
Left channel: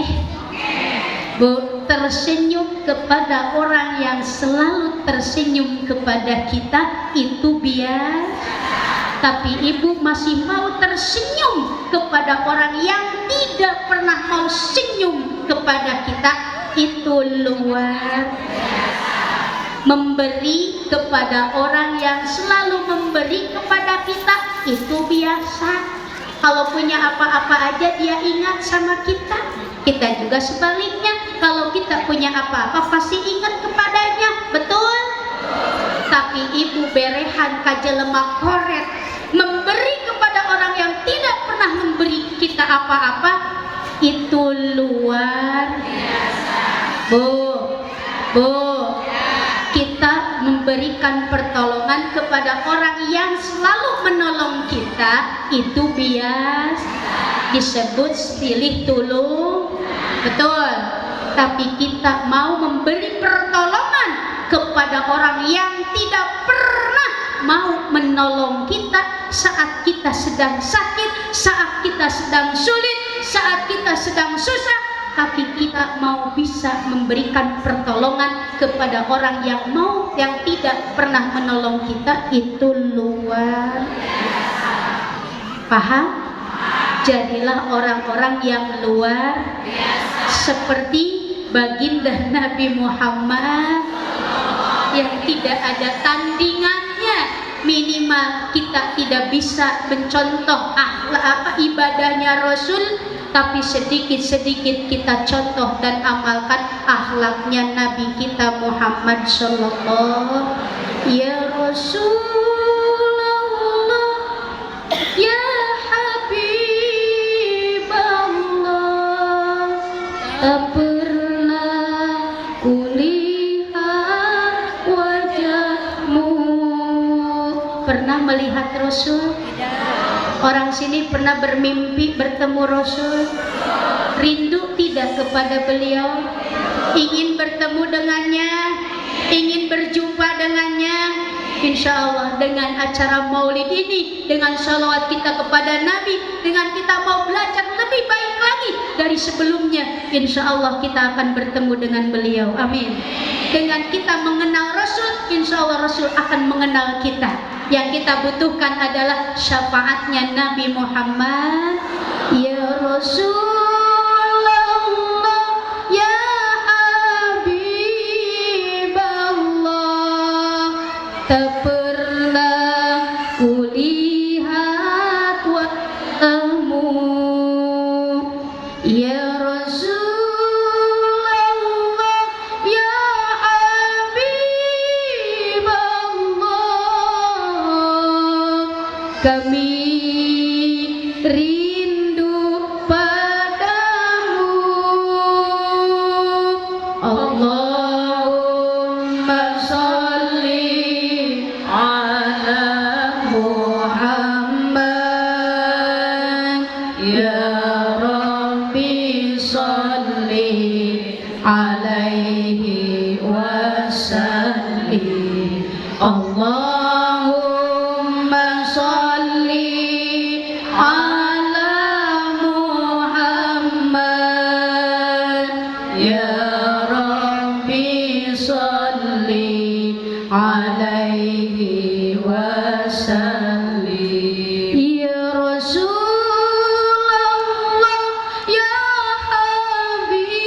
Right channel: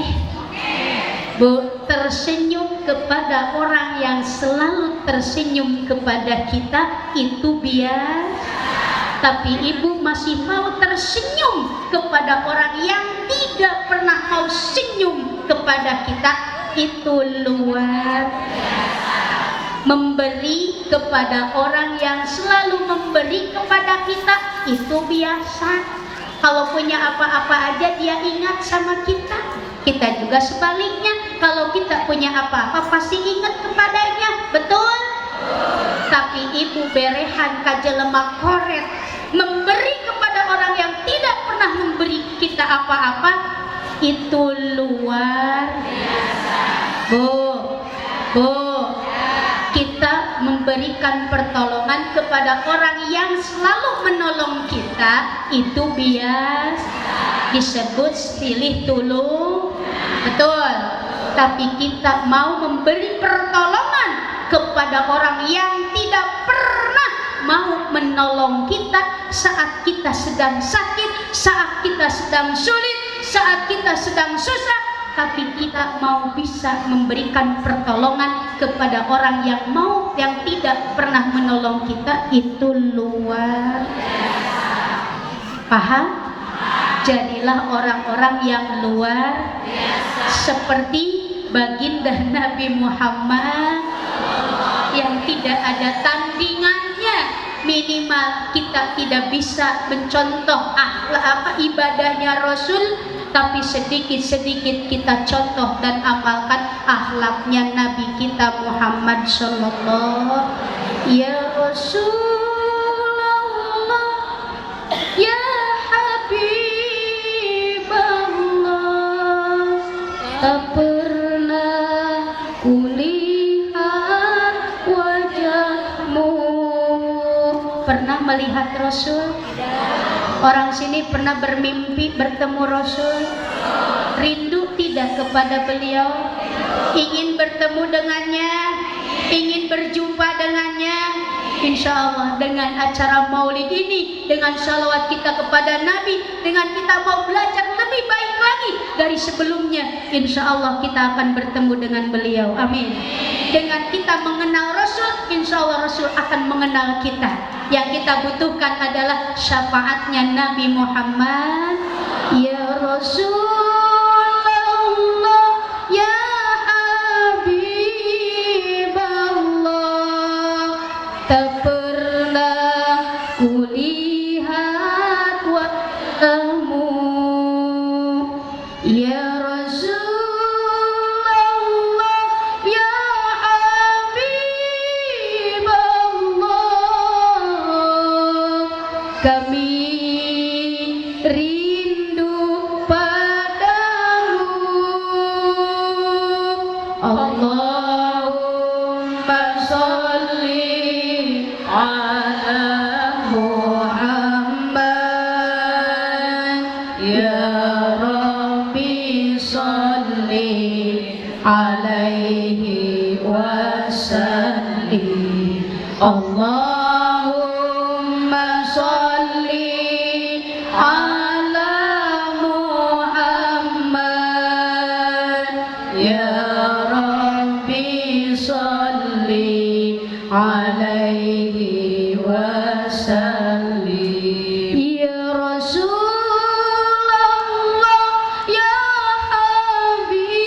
Bu, tersenyum kepada orang yang selalu tersenyum kepada kita itu biasa. Tapi ibu masih mau tersenyum kepada orang yang tidak pernah mau senyum kepada kita, itu luar biasa. Memberi kepada orang yang selalu memberi kepada kita itu biasa. Kalau punya apa-apa aja dia ingat sama kita. Kita juga sebaliknya, kalau kita punya apa-apa pasti ingat kepadanya, betul? Tapi ibu berehan kajelemak koret memberi kepada orang yang tidak pernah memberi kita apa-apa, itu luar biasa. Bu, kita memberikan pertolongan kepada orang yang selalu menolong kita itu biasa, disebut silih tulung, betul. Tapi kita mau memberi pertolongan kepada orang yang tidak pernah mau menolong kita saat kita sedang sakit, saat kita sedang sulit, saat kita sedang susah, tapi kita mau bisa memberikan pertolongan kepada orang yang tidak pernah menolong kita, itu luar biasa. Paham? Jadilah orang-orang yang luar biasa, seperti baginda Nabi Muhammad yang tidak ada tandingannya. Minimal kita tidak bisa mencontoh ibadahnya Rasul, tapi sedikit-sedikit kita contoh dan amalkan akhlaknya Nabi kita Muhammad sallallahu. Ya Rasulullah, ya Habibullah, tak pernah kulihat wajahmu. Pernah melihat Rasul? Orang sini pernah bermimpi bertemu Rasul? Rindu tidak kepada beliau? Ingin bertemu dengannya? Ingin berjumpa dengannya? Insya Allah dengan acara maulid ini, dengan salawat kita kepada Nabi, dengan kita mau belajar lebih baik lagi dari sebelumnya, insya Allah kita akan bertemu dengan beliau. Amin. Dengan kita mengenal Rasul, insya Allah Rasul akan mengenal kita. Yang kita butuhkan adalah syafaatnya Nabi Muhammad. Ya Rasulullah, ya Habibullah, tak pernah kulihat wajahmu. Ya Rasulullah, ya Habibullah, kami rindu padamu. Allahumma sholli ala Muhammad, ya Rabbi sholli alaihi wasallim. Allahumma sholli ala Muhammad, ya Rabbi sholli alaihi wasallim. Ya Rasulullah, ya Habibullah,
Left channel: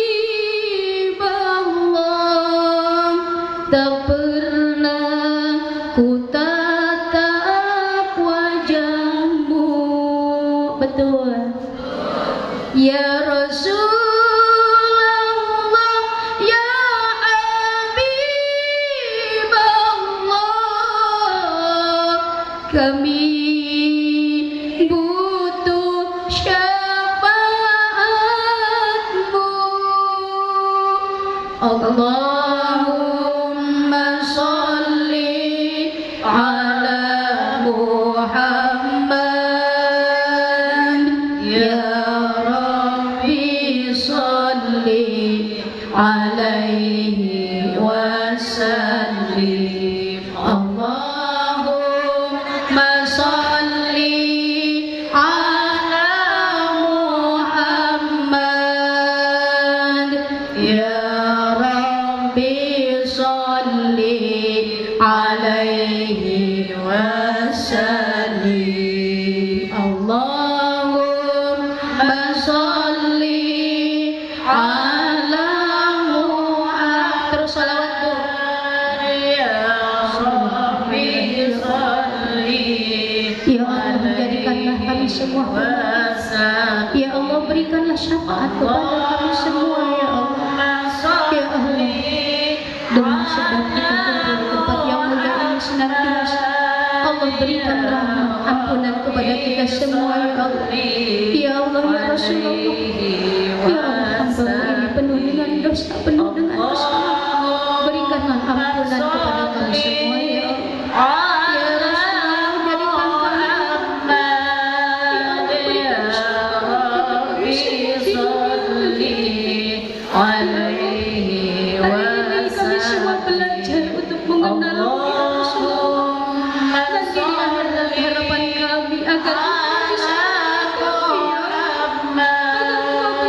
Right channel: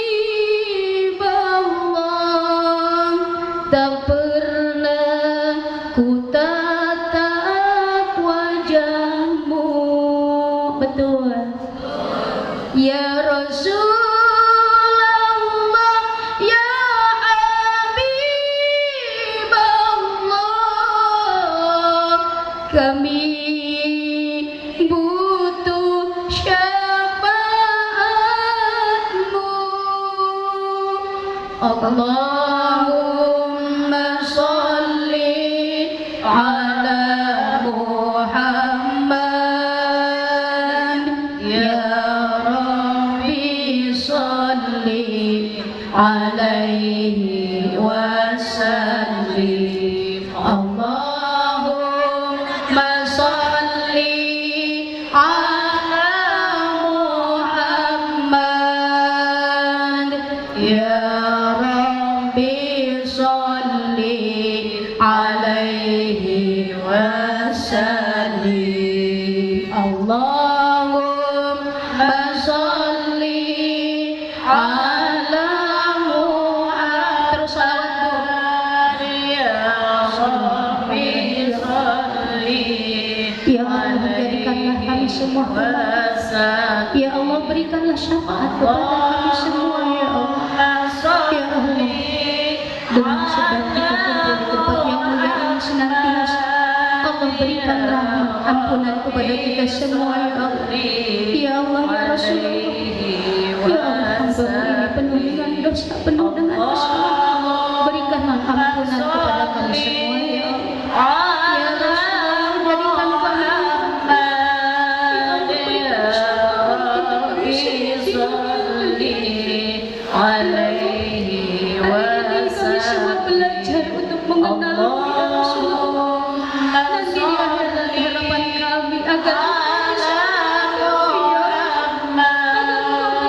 tak pernah ku tatap wajahmu. Betul. Ya Rasulullah, ya Habibullah, kami butuh syafaatmu. Allahumma sholli salli alaihi wasallim. Allahumma salli ala Muhammad. Ya Rabbi salli alaihi wasallim. Allahumma salli ala Muhammad. Terus salawat ya Rabbi salli. Ya Allah, jadikanlah kami semua, ya Allah, berikanlah syafaat kepada kami semua, ya Allah. Ya Allah, dengan sebab kita kumpul di tempat yang mulia ini senantiasa Allah berikan rahmat ampunan kepada kita semua, ya Allah. Ya Allah, ya Rasulullah, ya Allah, hamba ini penuh dengan dosa, penuh dengan dosa. Berikanlah ampunan kepada kami semua, ya Allah. Ya Rasulullah, jadikan kami, ya Allah, berikan syafaat kepada kami semua. Hari ini kami semua belajar untuk mengenal ya Rasulullah. Nanti di akhir nanti harapan kami agar kita bisa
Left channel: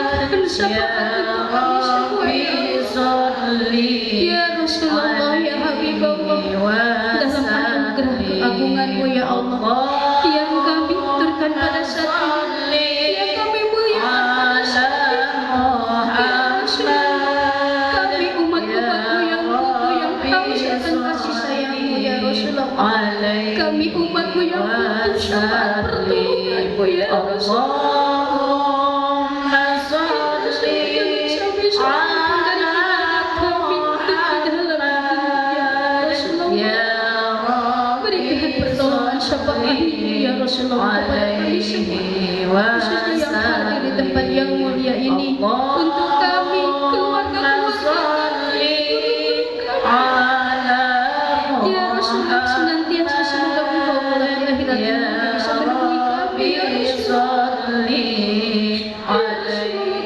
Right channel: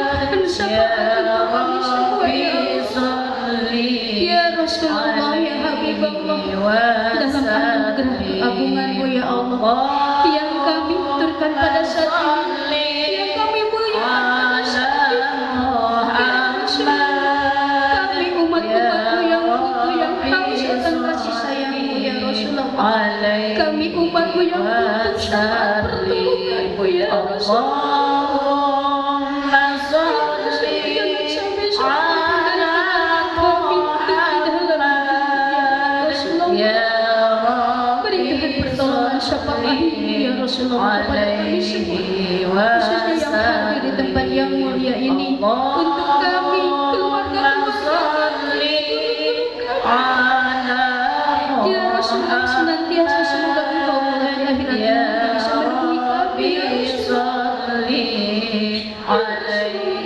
memberikan syafaat untuk kami semua, ya Rasulullah, ya Habibullah. Dalam anugerah keagungan-Mu, ya Allah, yang kami tuturkan pada saat ini, yang kami muliakan pada saat ini, ya Rasulullah. Kami umat-umat-Mu yang butuh, yang haus akan kasih sayang-Mu, ya Rasulullah. Kami umat-Mu yang butuh syafaat pertolongan-Mu, ya Rasulullah. Khususnya yang hadir di tempat yang mulia ini, untuk kami, keluarga-keluarga, ya Rasulullah, senantiasa semoga Engkau kelak di akhirat nanti bisa menemui kami, ya Rasulullah.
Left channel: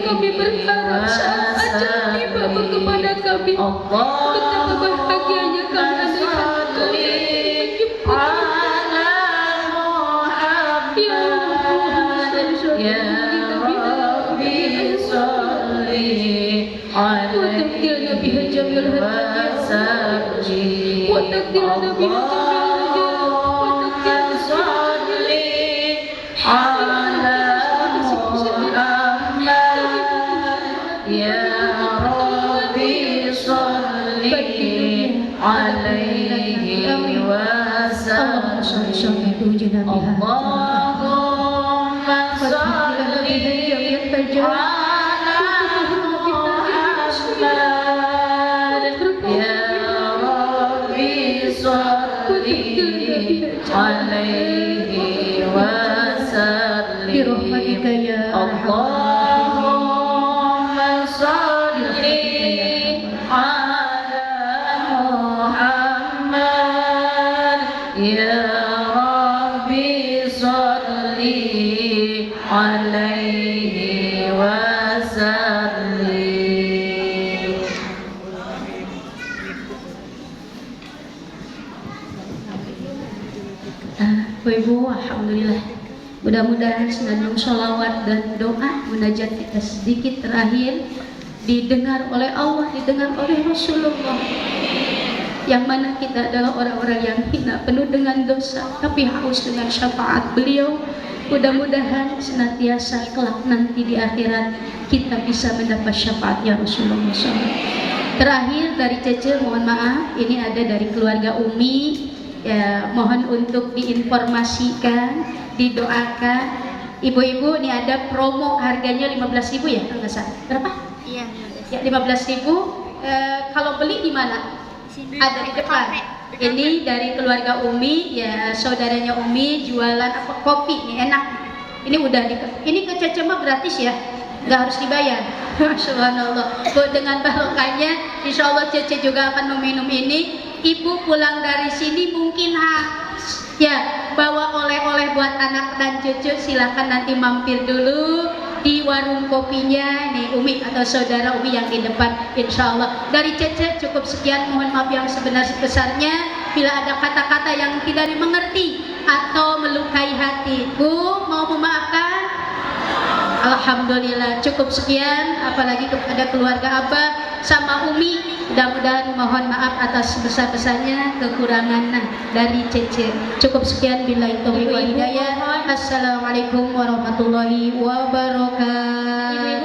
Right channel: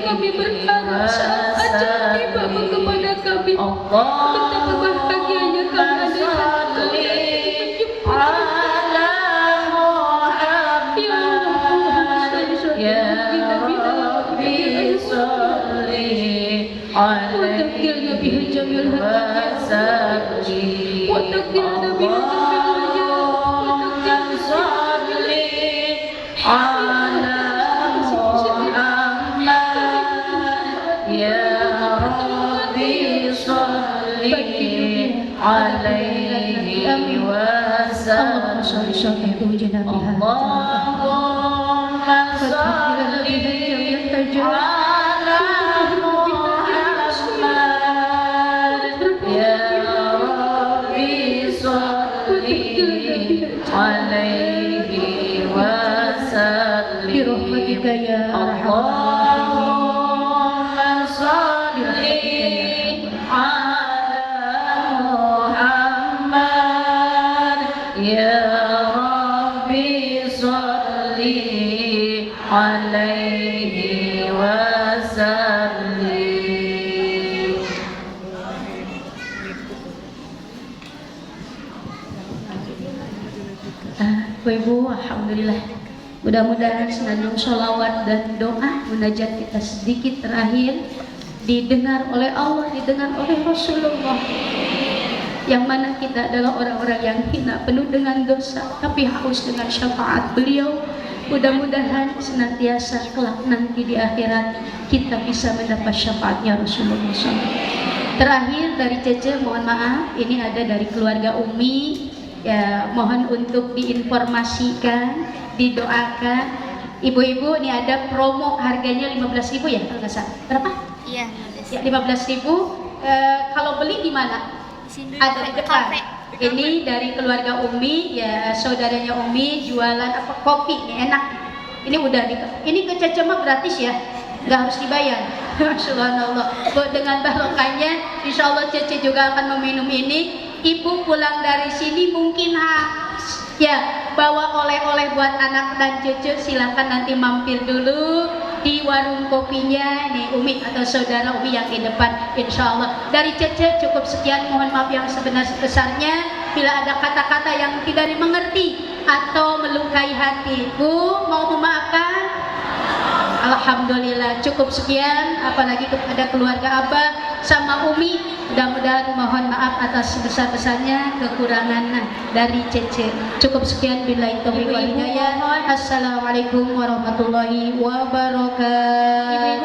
Kami berharap saat ajal tiba kepada kami, betapa bahagianya kami andaikan kami ya Rabbi salli alaihi wa sallim. Ya Rabbi salli alaihi wa sallim. Allahumma salli ala Muhammad. Ya Rabbi salli alaihi wa sallim. Birahmatika ya Allahumma salli ala Muhammad. Ya Rabbi salli alaihi wa sallim. Ibu, alhamdulillah. Mudah-mudahan senandung sholawat dan doa munajat kita sedikit terakhir didengar oleh Allah, didengar oleh Rasulullah. Yang mana kita adalah orang-orang yang hina, penuh dengan dosa, tapi haus dengan syafaat beliau. Mudah-mudahan senantiasa kelak nanti di akhirat kita bisa mendapat syafaatnya Rasulullah SAW. Terakhir dari Cece, mohon maaf, ini ada dari keluarga Umi. Ya, mohon untuk diinformasikan, didoakan. Ibu-ibu, ini ada promo harganya 15.000 ya, kalau nggak salah. Berapa? Iya. Ya, 15.000. Kalau beli di mana? Ada di depan. Ini dari keluarga Umi, ya saudaranya Umi jualan apa, kopi, ini enak. Ini udah ini ke Cece mah gratis ya, nggak harus dibayar. Subhanallah. Bu, dengan barokahnya, insya Allah Cece juga akan meminum ini. Ibu pulang dari sini mungkin ya bawa oleh-oleh buat anak dan cucu, silakan nanti mampir dulu. di warung kopinya nih Umi atau saudara Umi yang di depan, insya Allah. Dari Cece cukup sekian, mohon maaf yang sebenar-besarnya bila ada kata-kata yang tidak dimengerti atau melukai hatiku, mau memaafkan. Alhamdulillah cukup sekian, apalagi kepada keluarga Abah sama Umi, mudah-mudahan mohon maaf atas sebesar-besarnya kekurangan dari Cece. Cukup sekian, billahi taufiq wal hidayah. Assalamualaikum warahmatullahi wabarakatuh.